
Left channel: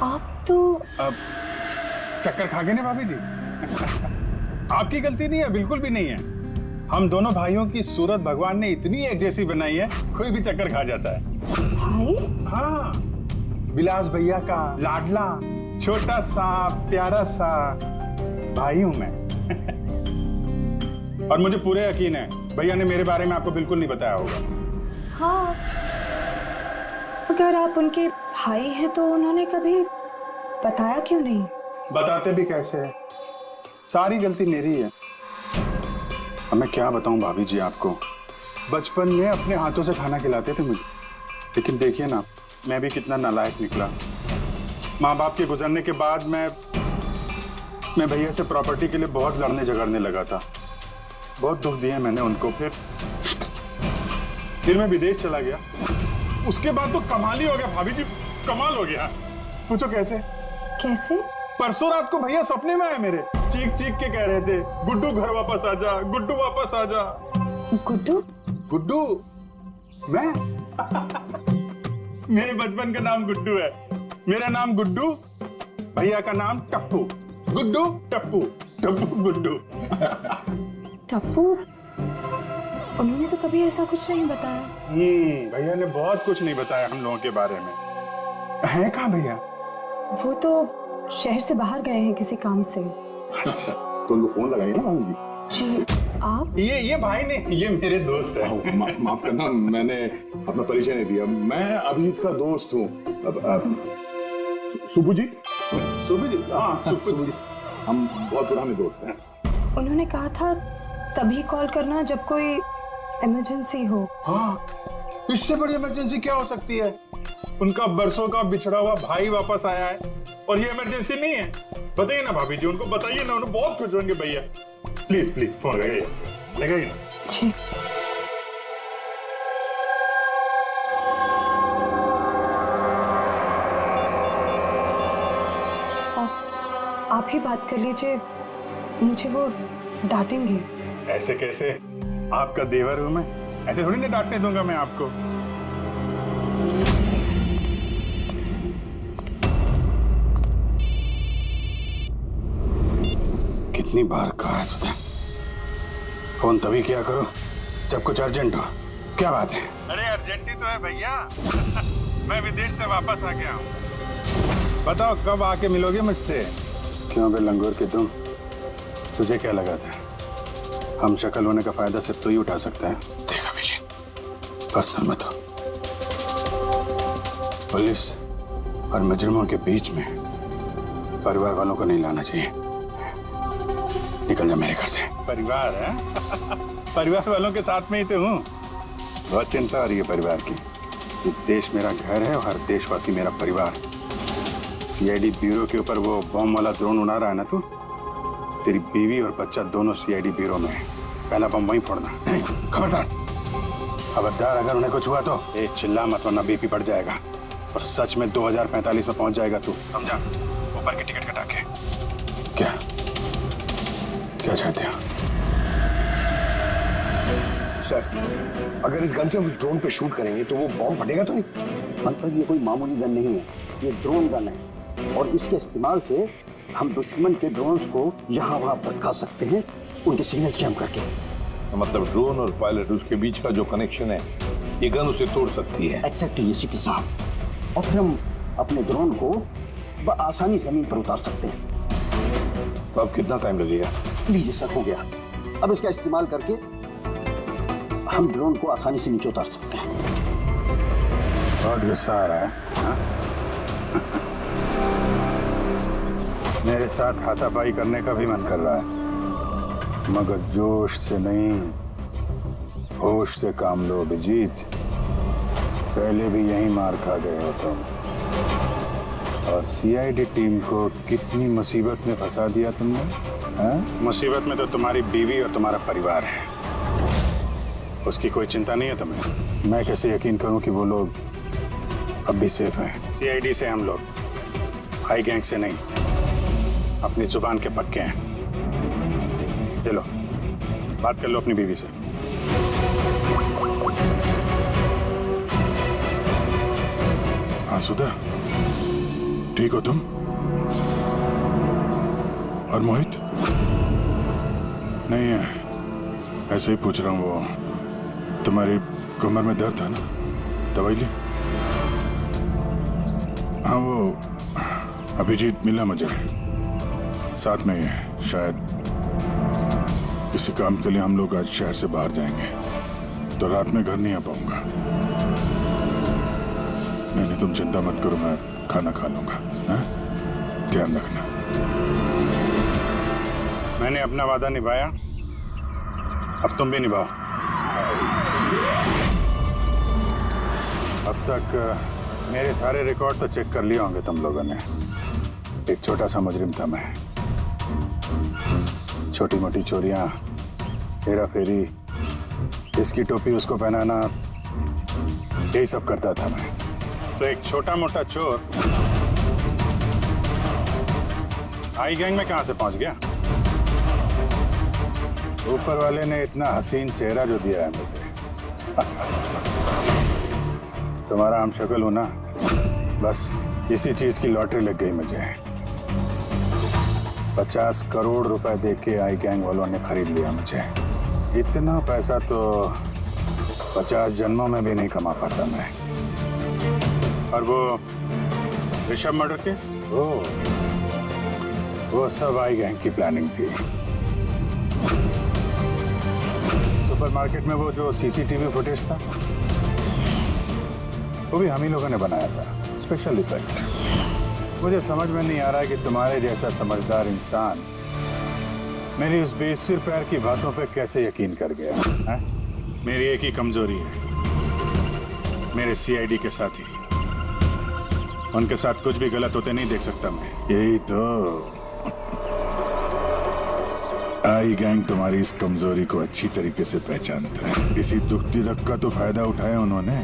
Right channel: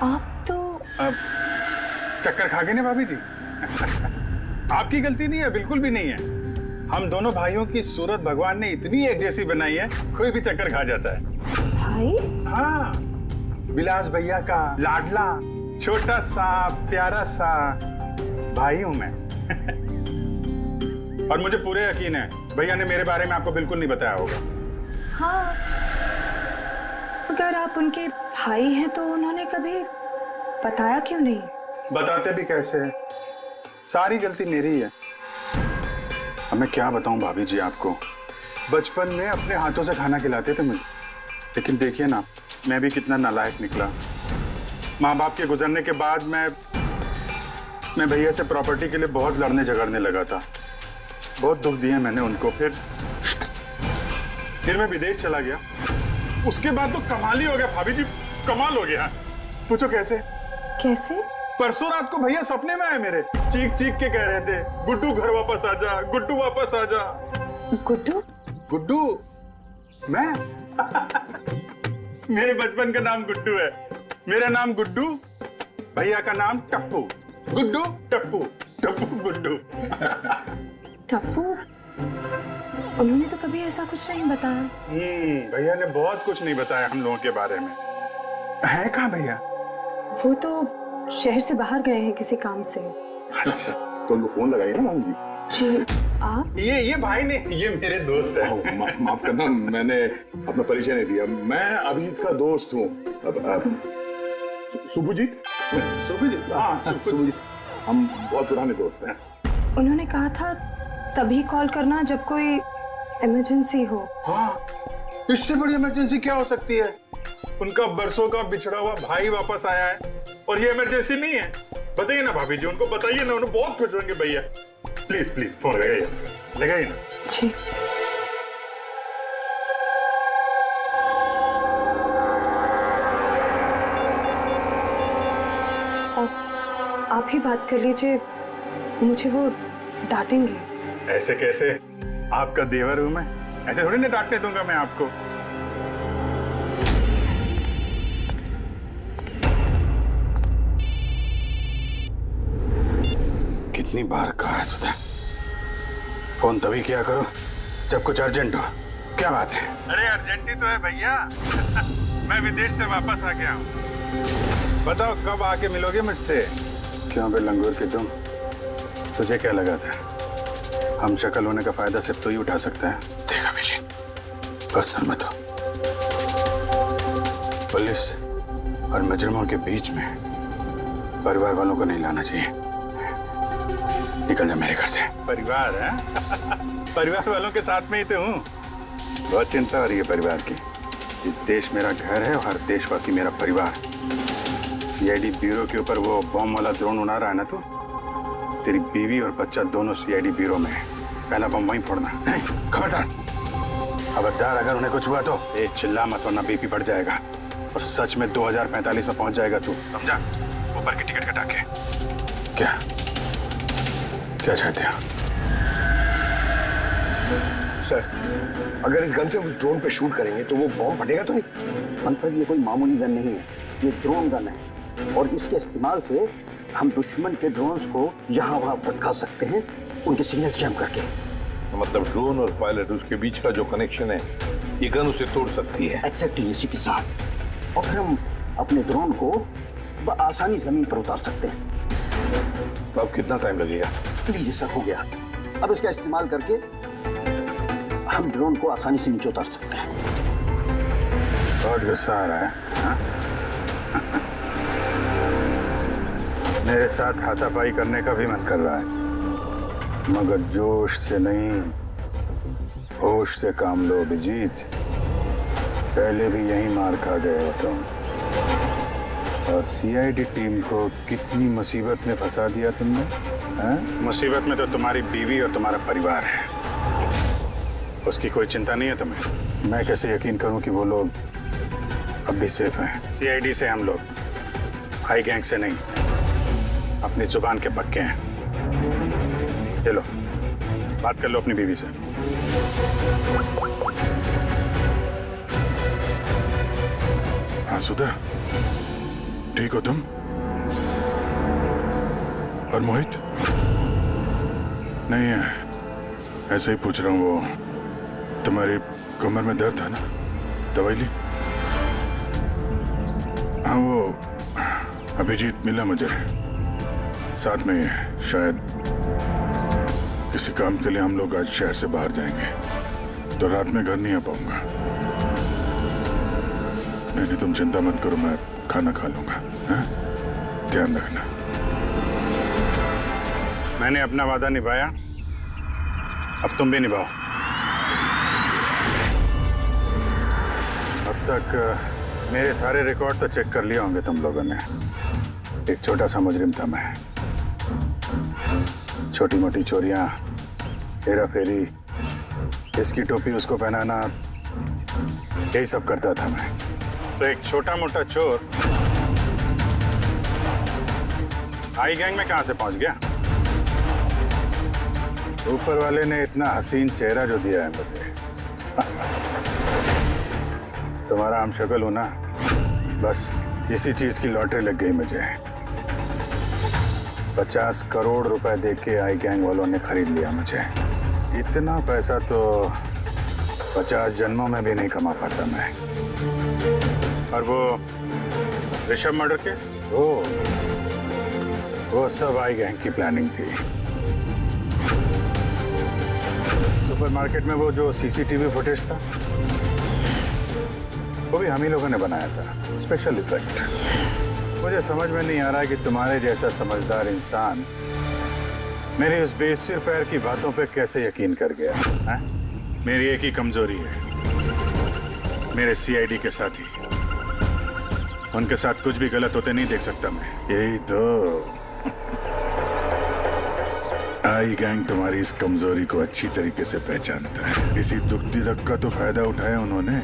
आप तो चक्कर खा गए ना भाभी जी। आपकी गलती नहीं है, बिल्कुल भी नहीं है। हम दोनों भाइयों की सूरत भगवान ने इतनी एक जैसी बनाई है, कोई भी चक्कर खा जाता है। भाई? हाँ, विलास भैया का लाडला छोटा सा प्यारा सा भाई हूं मैं। और मुझे पूरे यकीन है भैया ने मेरे बारे में आपको बिल्कुल नहीं बताया होगा। हाँ, अगर आप उनके भाई हैं तो उन्होंने कभी बताया क्यों नहीं? बताते भी कैसे है, सारी गलती मेरी है। अब मैं क्या बताऊं भाभी जी आपको, बचपन में अपने हाथों से खाना खिलाते थे मुझे, लेकिन देखिए ना मैं भी कितना नालायक निकला। माँ बाप के गुजरने के बाद मैं भैया से प्रॉपर्टी के लिए बहुत लड़ने झगड़ने लगा था। बहुत दुख दिए मैंने उनको। फिर मैं विदेश चला गया। उसके बाद तो कमाल ही हो गया भाभी जी, कमाल हो गया। पूछो कैसे? कैसे? परसों रात को भैया सपने में आए मेरे, चीख चीख के कह रहे थे, गुड्डू घर वापस आ जा, गुड्डू वापस आ जा। गुड्डू? गुड्डू? मैं? मेरे बचपन का नाम गुड्डू है। मेरा नाम गुड्डू, भैया का नाम टप्पू। गुड्डू टप्पू, टप्पू गुड्डू। टप्पू? उन्होंने तो कभी ऐसा कुछ नहीं बताया। भैया ने बहुत कुछ नहीं बताया हम लोगों के बारे में। है कहाँ भैया? वो तो शहर से बाहर गए हैं किसी काम से। अच्छा, तो उनको फोन लगाइए ना भाभी जी। जी आप? ये भाई ने, ये मेरे दोस्त है। माफ करना, मैंने अपना परिचय नहीं दिया। मैं अभिजीत का दोस्त हूँ। सुभजीत? सुभजीत? हाँ, सुभजीत। हम बहुत पुराने दोस्त हैं। उन्होंने कहा था तभी कॉल करना जब कोई इमरजेंसी हो। हाँ, इससे बड़ी इमरजेंसी क्या हो सकती है? उनका बरसों का बिछड़ा हुआ भाई वापस आया है और ये इमरजेंसी नहीं है। बताइए ना भाभी जी, उनको बताइए ना, उन्हें बहुत खुश होंगे भैया। प्लीज प्लीज फोन लगाइए ना। जी। आप ही बात कर लीजिए, मुझे वो डांटेंगे। ऐसे कैसे? आपका देवर हूं मैं, ऐसे थोड़ी ना डांटने दूंगा मैं आपको। कितनी बार कहा है सुधा, फोन तभी किया करो जब कुछ अर्जेंट हो। क्या बात है? अरे अर्जेंट ही तो है भैया। मैं विदेश से वापस आ गया हूँ। बताओ कब आके मिलोगे मुझसे? क्यों बे लंगूर के तुम, तुझे क्या लगा था हम शक्ल होने का फायदा सिर्फ तो ही उठा सकता है? देखा मिली, पर्सनल मत हो। पुलिस और मुजरिमों के बीच में परिवार वालों को नहीं लाना चाहिए। निकल जा मेरे घर से। परिवार है? परिवार वालों के साथ में ही तो हूँ। बहुत चिंता हो रही है परिवार की। ये देश मेरा घर है और हर देशवासी मेरा परिवार। सीआईडी ब्यूरो के ऊपर वो बॉम्ब वाला ड्रोन उड़ा रहा है ना तू, तेरी बीवी और बच्चा दोनों सीआईडी ब्यूरो में है। पहला बम वहीं फोड़ना। खबरदार, अगर उन्हें कुछ हुआ तो चिल्ला मत वरना बीपी बढ़ जाएगा और सच में 2045 में पहुंच जाएगा तू, समझा? ऊपर की टिकट कटा के। क्या चाहते हो? सर, अगर इस गन से हम उस ड्रोन पे शूट करेंगे तो वो बॉम्ब फटेगा तो नहीं? पंकज, ये कोई मामूली गन नहीं है, ये ड्रोन गन है और इसके इस्तेमाल से हम दुश्मन के ड्रोन्स को यहाँ वहाँ भटका सकते हैं, उनके सिग्नल जैम करके। मतलब ड्रोन और पायलट, उसके बीच का जो कनेक्शन है, ये गन उसे तोड़ सकती है। एक्जेक्टली एसीपी साहब। और फिर हम अपने ड्रोन को आसानी जमीन पर उतार सकते हैं। तो अब कितना टाइम लगेगा? लीजिए सर, हो गया। अब इसका इस्तेमाल करके हम ड्रोन को आसानी से नीचे उतार सकते हैं। बहुत गुस्सा आ रहा है हाँ? मेरे साथ हाथापाई करने का भी मन कर रहा है, मगर जोश से नहीं, होश से काम लो अभिजीत। पहले भी यही मार खा गए हो तुम, और सीआईडी टीम को कितनी मुसीबत में फंसा दिया तुमने। हाँ? मुसीबत में तो तुम्हारी बीवी और तुम्हारा परिवार है, उसकी कोई चिंता नहीं है तुम्हें। मैं कैसे यकीन करूं कि वो लोग अब भी सेफ हैं? सीआईडी से हम लोग, हाई गैंग से नहीं। अपनी जुबान के पक्के हैं। चलो बात कर लो अपनी बीवी से। हाँ सुधा, ठीक हो तुम? और मोहित? नहीं है, ऐसे ही पूछ रहा हूँ। वो तुम्हारी कमर में दर्द था ना, दवाई ली? हाँ वो अभिजीत मिला मुझे, साथ में शायद किसी काम के लिए हम लोग आज शहर से बाहर जाएंगे, तो रात में घर नहीं आ पाऊंगा। नहीं तुम चिंता मत करो, मैं खाना खा लूंगा। हाँ? ध्यान रखना। मैंने अपना वादा निभाया, अब तुम भी निभाओ। अब तक मेरे सारे रिकॉर्ड तो चेक कर लिए होंगे तुम लोगों ने। एक छोटा सा मुजरिम था मैं, छोटी मोटी चोरियां, हेरा फेरी, इसकी टोपी उसको पहनाना, यही सब करता था मैं। तो एक छोटा मोटा चोर आई गैंग में कहां से पहुंच गया? ऊपर वाले ने इतना हसीन चेहरा जो दिया है मुझे। तुम्हारा हम शक्ल हो ना, बस इसी चीज की लॉटरी लग गई मुझे। 50 करोड़ रुपए देके आई गैंग वालों ने खरीद लिया मुझे। इतना पैसा तो 50 जन्मों में भी नहीं कमा पाता मैं। और वो ऋषभ मर्डर केस, वो सब आई गैंग की प्लानिंग थी। सुपरमार्केट में वो जो सीसीटीवी फुटेज था, वो भी हम ही लोगों ने बनाया था, स्पेशल इफेक्ट। मुझे समझ में नहीं आ रहा कि तुम्हारे जैसा समझदार इंसान मेरी उस बेसिर पैर की बातों पे कैसे यकीन कर गया है? मेरी एक ही कमजोरी है, मेरे सीआईडी के साथी। उनके साथ कुछ भी गलत होते नहीं देख सकता मैं। यही तो आई गैंग तुम्हारी इस कमजोरी को अच्छी तरीके से पहचानता है। इसी दुखती रग का तो फायदा उठाया उन्होंने,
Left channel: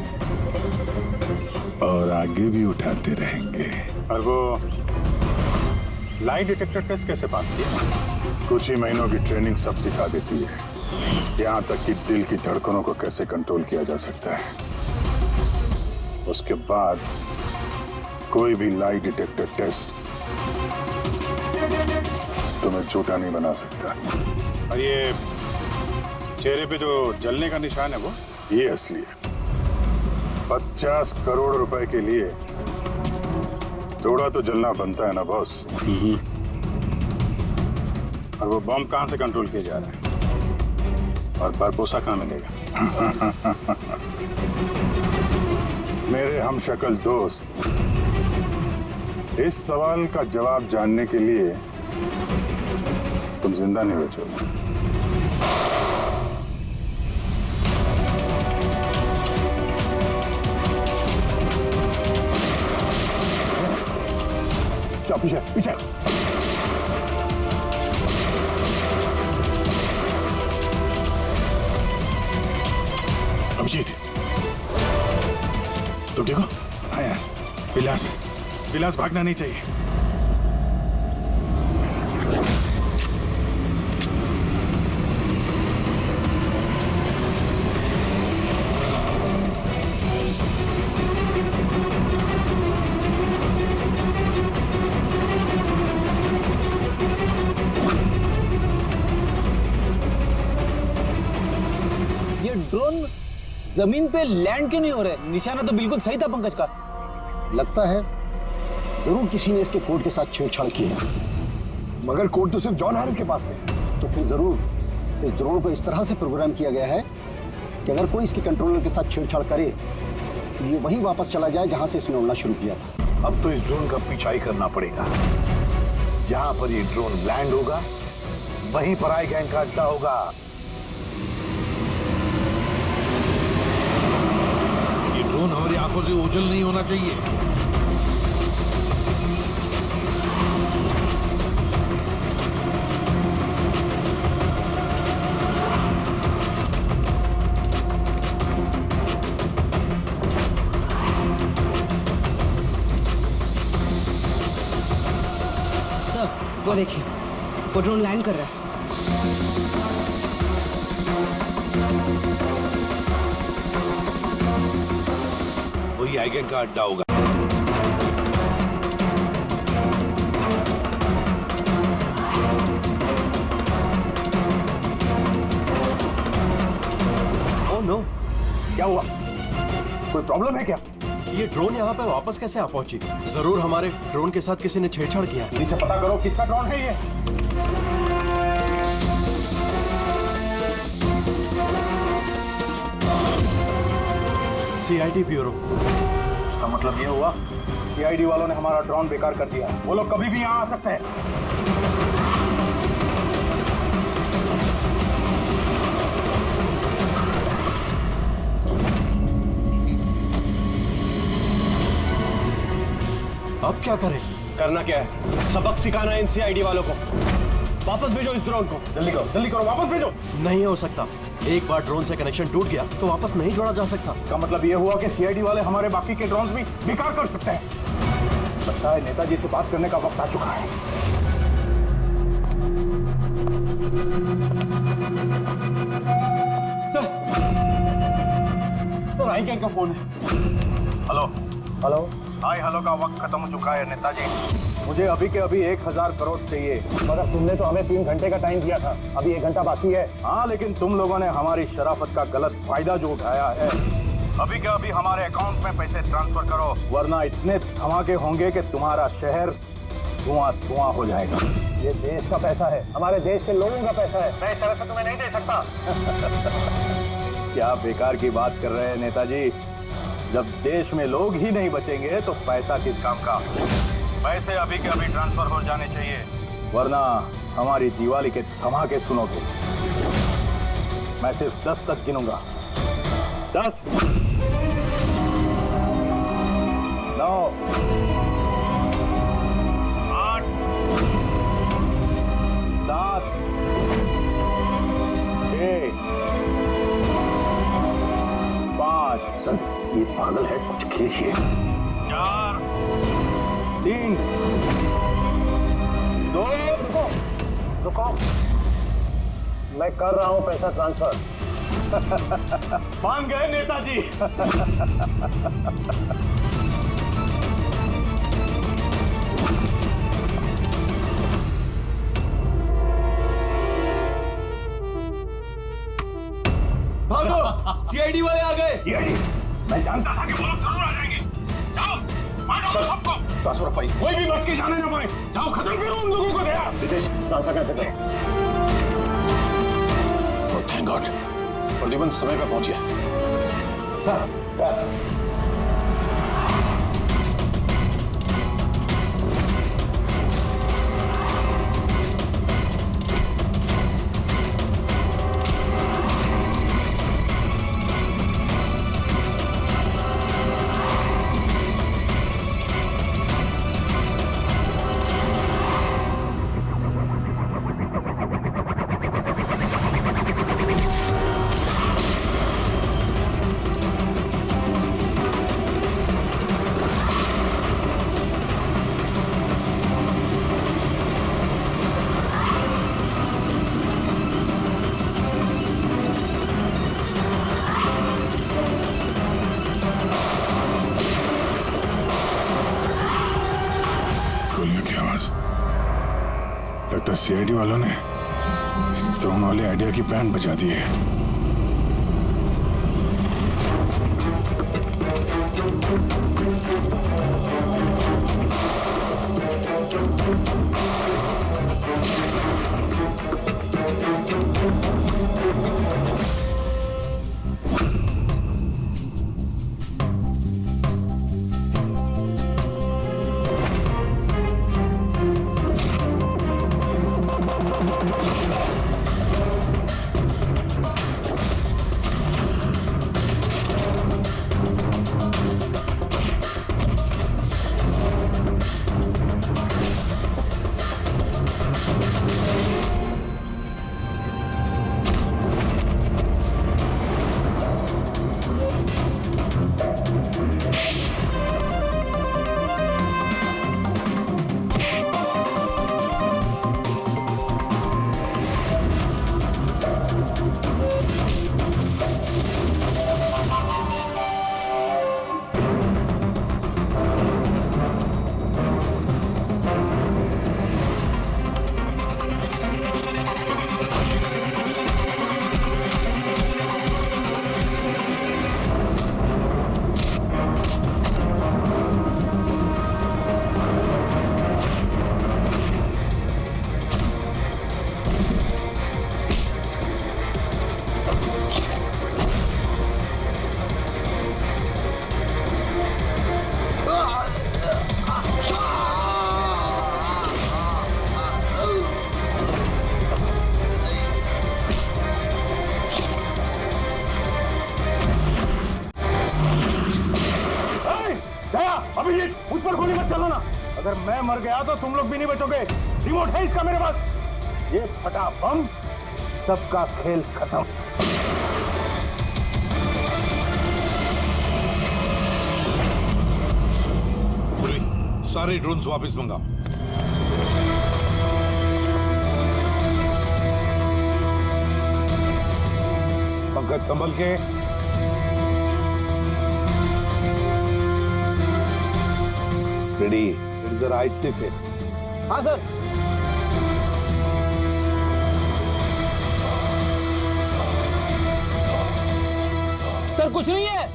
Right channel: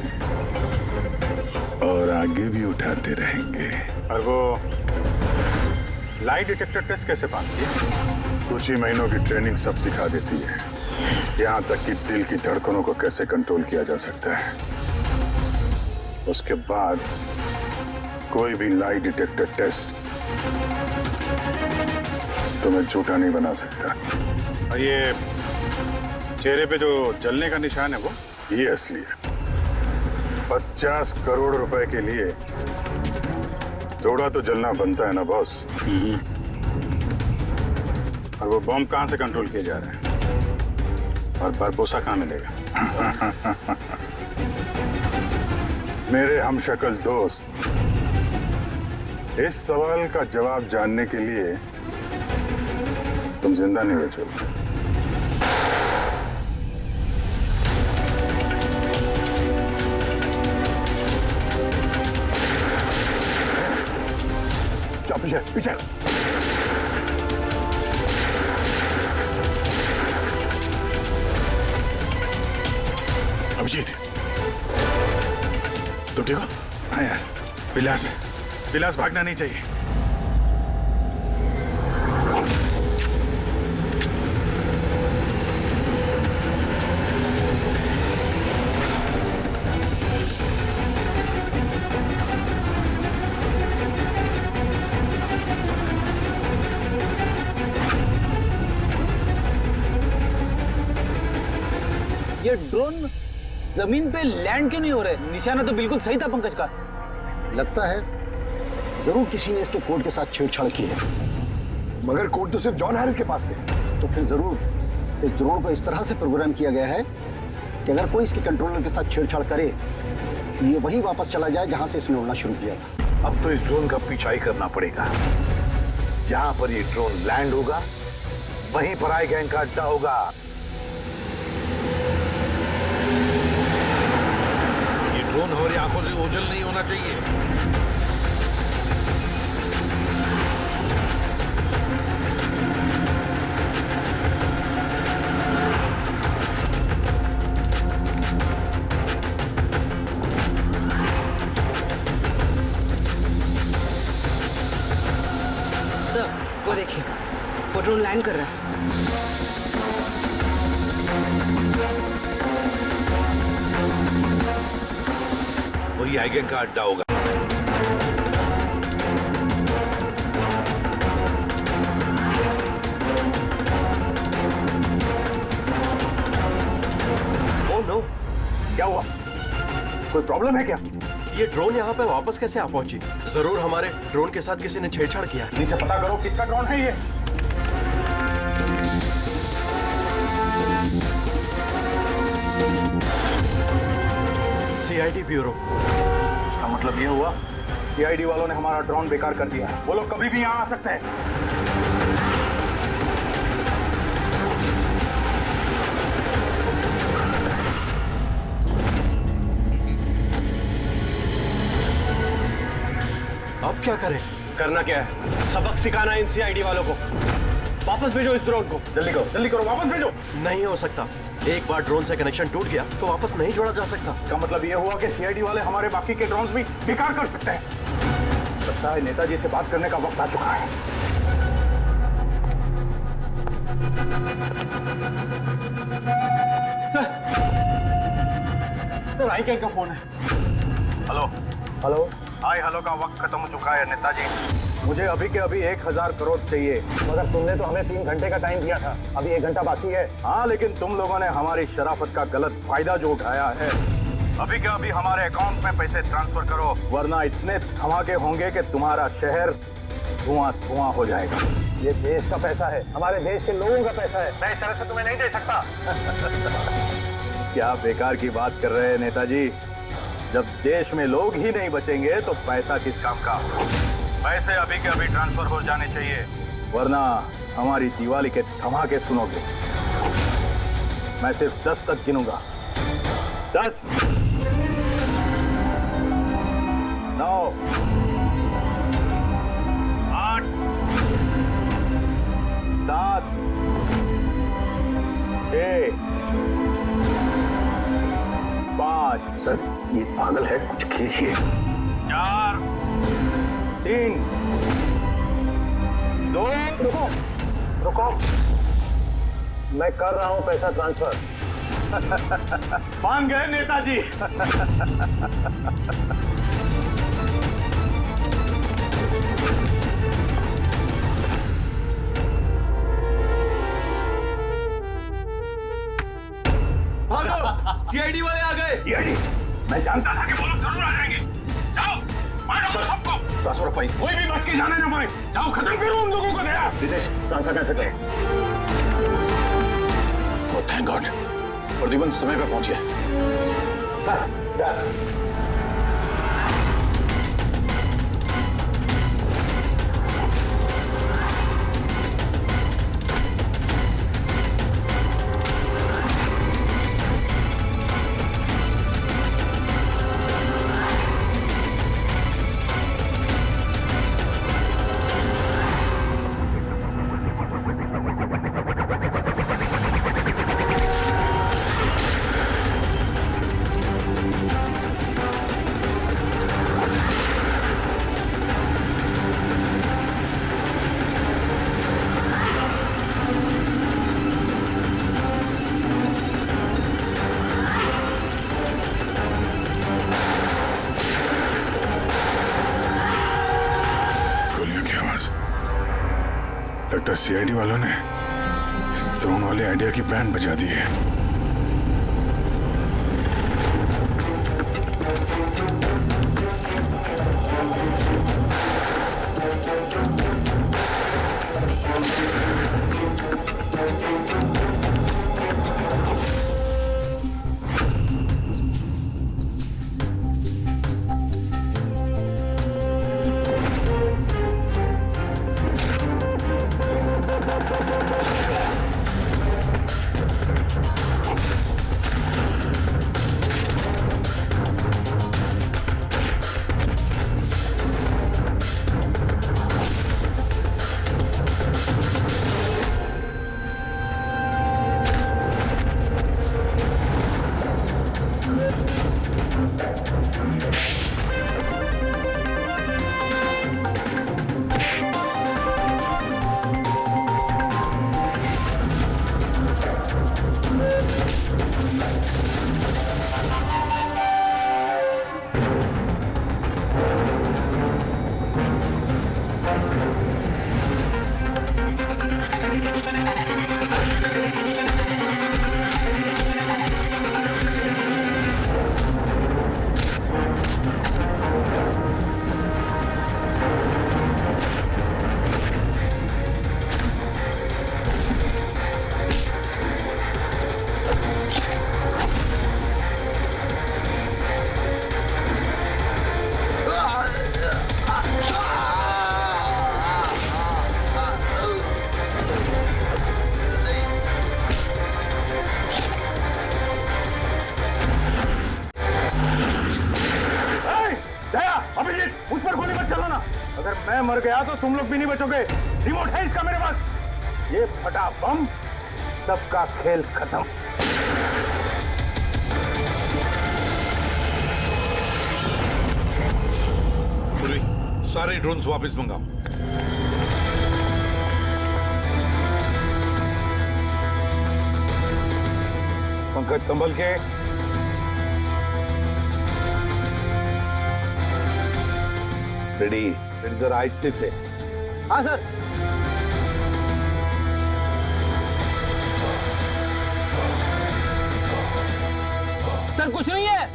और आगे भी उठाते रहेंगे। और वो लाई डिटेक्टर टेस्ट कैसे पास किया? कुछ ही महीनों की ट्रेनिंग सब सिखा देती है, यहाँ तक कि दिल की धड़कनों को कैसे कंट्रोल किया जा सकता है। उसके बाद कोई भी लाई डिटेक्टर टेस्ट तुम्हें झूठा नहीं बना सकता। और ये चेहरे पे जो जलने ka निशान है, वो ये असली है। 50 करोड़ रुपए के लिए थोड़ा तो जलना बनता है ना बॉस। और वो बॉम्ब कहां से कंट्रोल किया जा रहा है? और बारबोसा कहां मिलेगा? मेरे हमशक्ल दोस्त, इस सवाल का जवाब जानने के लिए तुम जिंदा नहीं बचोगे। पीछे पीछे। अभिजीत, तुम ठीक हो? हाँ यार, विलास भागना नहीं चाहिए। ये ड्रोन जमीन पे लैंड क्यों नहीं हो रहे? निशाना तो बिल्कुल सही था पंकज का। लगता है जरूर किसी ने इसके कोड के साथ छेड़छाड़ की है। मगर कोड तो सिर्फ जॉन हैरिस के पास थे। तो फिर जरूर इस ड्रोन को इस तरह से प्रोग्राम किया गया है कि अगर कोई इसके कंट्रोलर के साथ छेड़छाड़ करे तो ये वहीं वापस चला जाए जहां से इसने उड़ना शुरू किया था। अब तो इस ड्रोन का पीछा ही करना पड़ेगा। जहां पर ये ड्रोन लैंड होगा वहीं पर आई गैंग का अड्डा होगा। ये ड्रोन हमारी आंखों से ओझल नहीं होना चाहिए। सर वो देखिए, वो ड्रोन लैंड कर रहा है। वही आई गैंग का अड्डा होगा। ओह नो, क्या हुआ? कोई प्रॉब्लम है क्या? ये ड्रोन यहाँ पे वापस कैसे आ पहुंची? जरूर हमारे ड्रोन के साथ किसी ने छेड़छाड़ किया है। इसे पता करो किसका ड्रोन है ये। CID bureau. इसका मतलब ये हुआ सीआईडी वालों ने हमारा ड्रोन बेकार कर दिया है। वो लोग कभी भी यहाँ आ सकते हैं। अब क्या करें? करना क्या है? सबक सिखाना है इन सीआईडी वालों को। वापस भेजो इस ड्रोन को। जल्दी करो वापस भेजो। नहीं हो सकता। एक बार ड्रोन से कनेक्शन टूट गया तो वापस नहीं जोड़ा जा सकता। इसका मतलब ये हुआ कि सीआईडी वाले हमारे बाकी के ड्रोन्स भी बेकार कर सकते हैं। लगता है नेताजी से बात करने का वक्त आ चुका है। सर आई क्या फोन है? हेलो। हाय हेलो का वक्त खत्म हो चुका है नेताजी। मुझे अभी के अभी 1000 करोड़ चाहिए। मगर तुमने तो हमें 3 घंटे का टाइम दिया था। अभी 1 घंटा बाकी है। हाँ, लेकिन तुम लोगों ने हमारी शराफत का गलत फायदा जो उठाया है। अभी के अभी हमारे अकाउंट में पैसे ट्रांसफर करो, वरना इतने धमाके होंगे कि तुम्हारा शहर धुआं हो जाएगा। ये देश का पैसा है, हमारे देश के लोगों का पैसा है। मैं इस तरह से तुम्हें नहीं दे सकता। क्या बेकार की बात कर रहे हैं नेताजी? जब देश में लोग ही नहीं बचेंगे तो पैसा किस काम का? पैसे अभी के अभी ट्रांसफर हो जाने चाहिए, वरना हमारी दिवाली के धमाके सुनोगे। मैं सिर्फ 10 तक गिनूंगा। 10, 9, 8, 7, 6, 5। सर ये पागल है, कुछ खींचिए। 4, 3, 2। रुको, मैं कर रहा हूं पैसा ट्रांसफर। मान गए नेताजी। भागो, सीआईडी वाले आ गए। सीआईडी? मैं जानता था कि वो लोग जरूर आ जाएंगे। जाओ, मारो सबको। ट्रांसफर पाई। कोई भी बच के जाने ना पाए। जाओ, खत्म करो उन लोगों को। दया रितेश, ट्रांसफर कैसे करें? ओह थैंक गॉड, प्रद्युमन समय पे पहुंच गया। सर, लगता है सीआईडी वालों ने इस ड्रोन वाले आइडिया की बैंड बजा दी है। पर गोली मत चलाना। अगर मैं मर गया तो तुम लोग भी नहीं बचोगे। रिमोट है इसका मेरे पास। ये फटा बम, सबका खेल खत्म। पूरी सारे ड्रोन्स वापस मंगाओ। पंकज संभल के। रेडी रेडी सर, आज से। हाँ सर। सर कुछ नहीं है,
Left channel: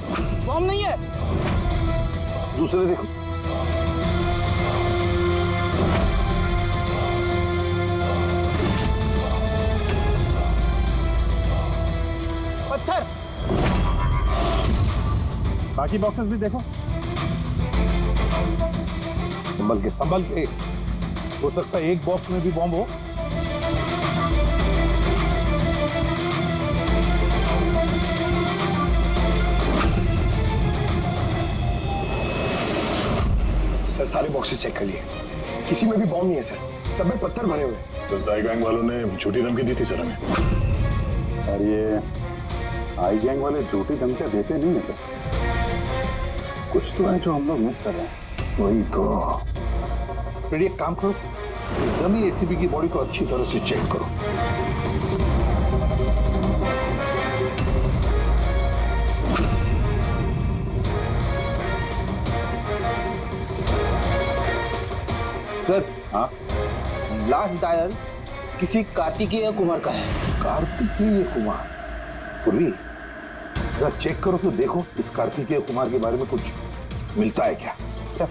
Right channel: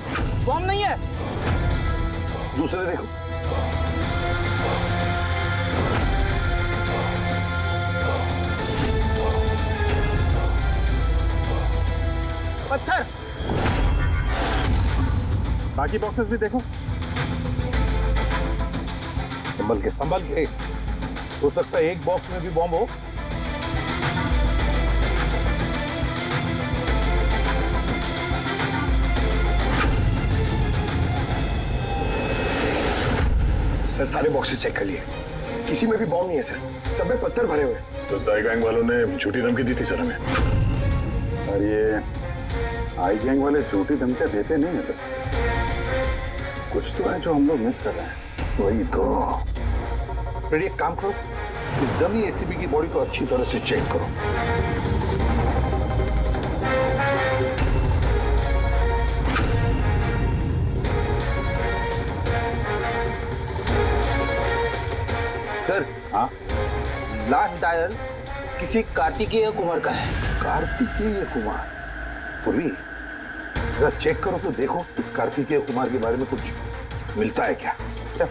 बॉम्ब नहीं है। दूसरे देखो। पत्थर। बाकी बॉक्सेस भी देखो। संभल के। हो सकता है एक बॉक्स में भी बॉम्ब हो। सर सारे बॉक्सेस चेक कर लिए, किसी में भी बॉम्ब नहीं है सर, सब में पत्थर भरे हुए हैं। तो साई गैंग वालों ने झूठी धमकी दी थी सर हमें। और ये आई गैंग वाले झूठी धमकियां देते नहीं है सर। कुछ तो है जो हम लोग मिस कर रहे हैं। वही तो। फिर एक काम करो, इस डमी एसीबी की बॉडी को अच्छी तरह से चेक करो। सर हाँ, लास्ट डायल किसी कार्तिकेय कुमार का है। कार्तिकेय कुमार? पूर्वी जरा चेक करो तो देखो इस कार्तिकेय कुमार के बारे में कुछ मिलता है क्या। Sir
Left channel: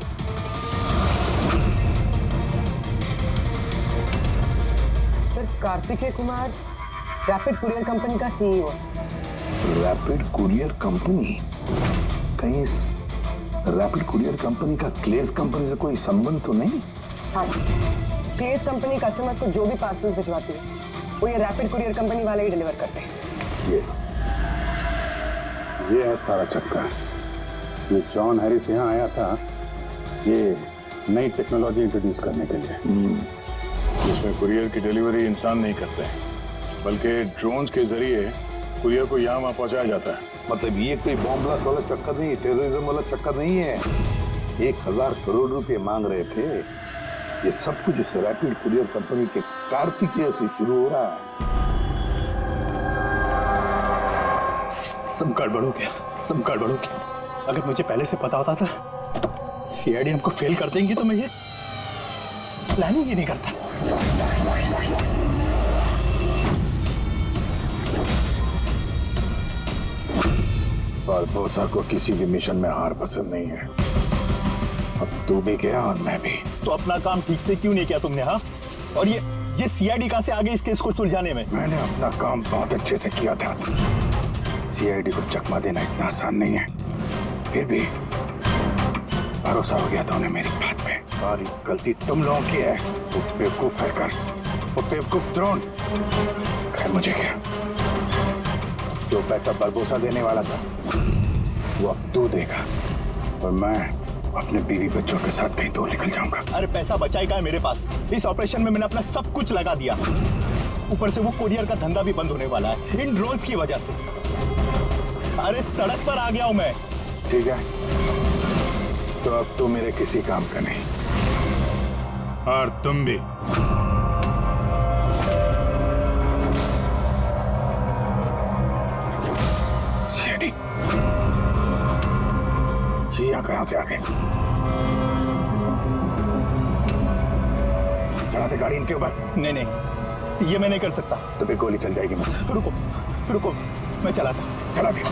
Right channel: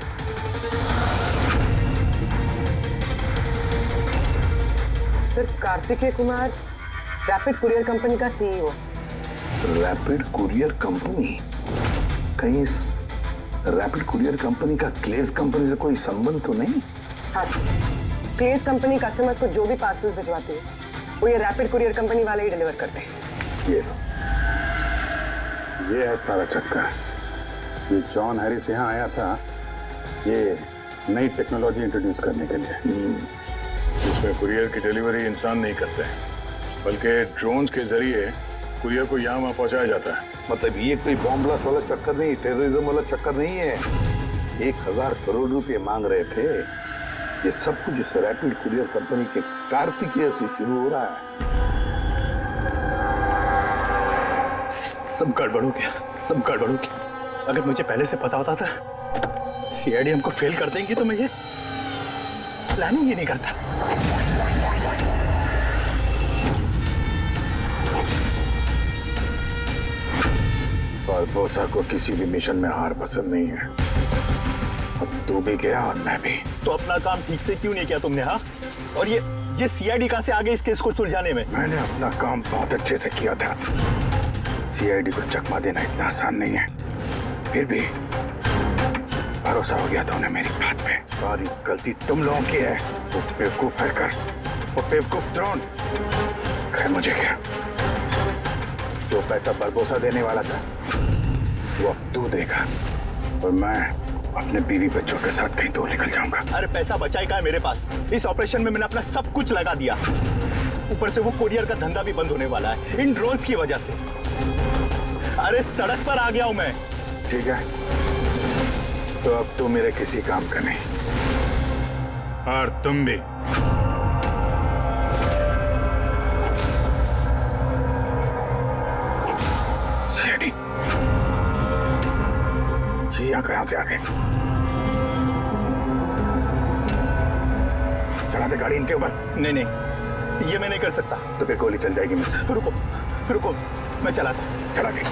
Kartikeya Kumar rapid courier company का सीईओ। Rapid courier company? कहीं इस रैपिड कुरियर कंपनी का क्लेज कंपनी से कोई संबंध तो नहीं? हाँ सर, क्लेज कंपनी कस्टमर्स को जो भी पार्सल्स भिजवाती है वो ये रैपिड कुरियर कंपनी वाले ही डिलीवर करते हैं। ये है सारा चक्कर। ये जॉन हैरिस यहाँ आया था ये नई टेक्नोलॉजी इंट्रोड्यूस करने के लिए। इसमें कुरियर की डिलीवरी इंसान नहीं करते हैं, बल्कि ड्रोन्स के जरिए कुरियर को यहाँ वहाँ पहुँचाया जाता है। मतलब ये कोई बॉम्ब ब्लास्ट वाला चक्कर नहीं, टेररिज्म वाला चक्कर नहीं है। 1000 करोड़ रुपए मांग रहे थे। ये सब कुछ इस रैपिड कुरियर कंपनी के कार्तिकेय से शुरू हो रहा है। सब गड़बड़ हो गया, सब गड़बड़ हो गया। अगर मुझे पहले से पता होता था सीआईडी हमको फेल कर देंगी तो मैं ये प्लानिंग ही नहीं करता। बारबोसा को किसी भी मिशन में हार पसंद नहीं है। अब तू भी गया और मैं भी। तो अपना काम ठीक से क्यों नहीं किया तुमने? हाँ, और ये सीआईडी कहां से आ गई इस केस को सुलझाने में? मैंने अपना काम बहुत अच्छे से किया था। सीआईडी को चकमा देना इतना आसान नहीं है। फिर भी भरोसा हो गया था उन्हें मेरी बात पे। सारी गलती तुम लोगों की है। वो बेवकूफ हैकर, वो बेवकूफ ड्रोन। खैर मुझे क्या, जो पैसा बरबोसा देने वाला था वो अब तू देगा और मैं अपने बीवी बच्चों के साथ कहीं दूर निकल जाऊंगा। अरे पैसा बचाई का है मेरे पास। इस ऑपरेशन में मैंने अपना सब कुछ लगा दिया। ऊपर से वो कुरियर का धंधा भी बंद होने वाला है इन ड्रोन्स की वजह से। अरे सड़क पर आ गया हूं मैं। ठीक है, तो अब तू मेरे किसी काम का नहीं और तुम भी। सीआईडी ये यहाँ कहां से आ गए? चला दे गाड़ी इनके ऊपर। नहीं नहीं, ये मैं नहीं कर सकता। तो फिर गोली चल जाएगी मुझसे। रुको रुको, मैं चलाता। चला दे।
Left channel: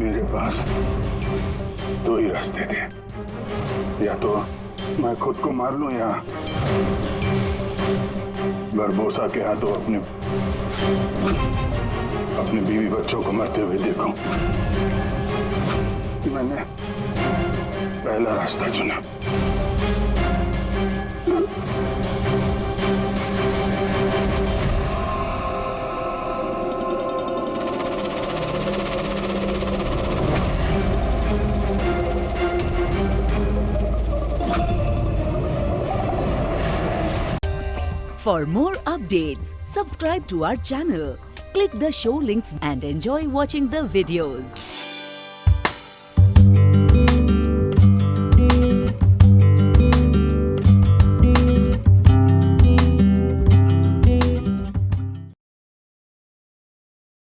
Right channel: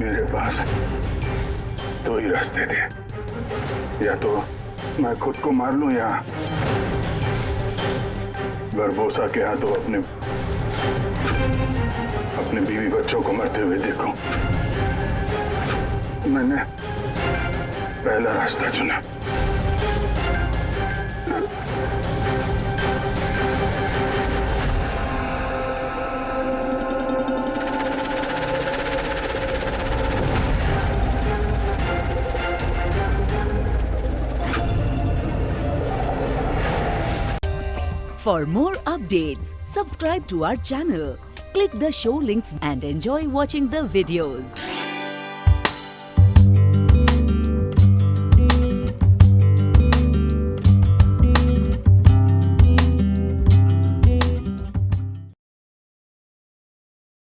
मेरे पास दो ही रास्ते थे, या तो मैं खुद को मार लूं या बरबोसा के हाथों अपने बीवी बच्चों को मरते हुए देखूं। मैंने पहला रास्ता चुना। For more updates, subscribe to our channel, click the show links and enjoy watching the videos.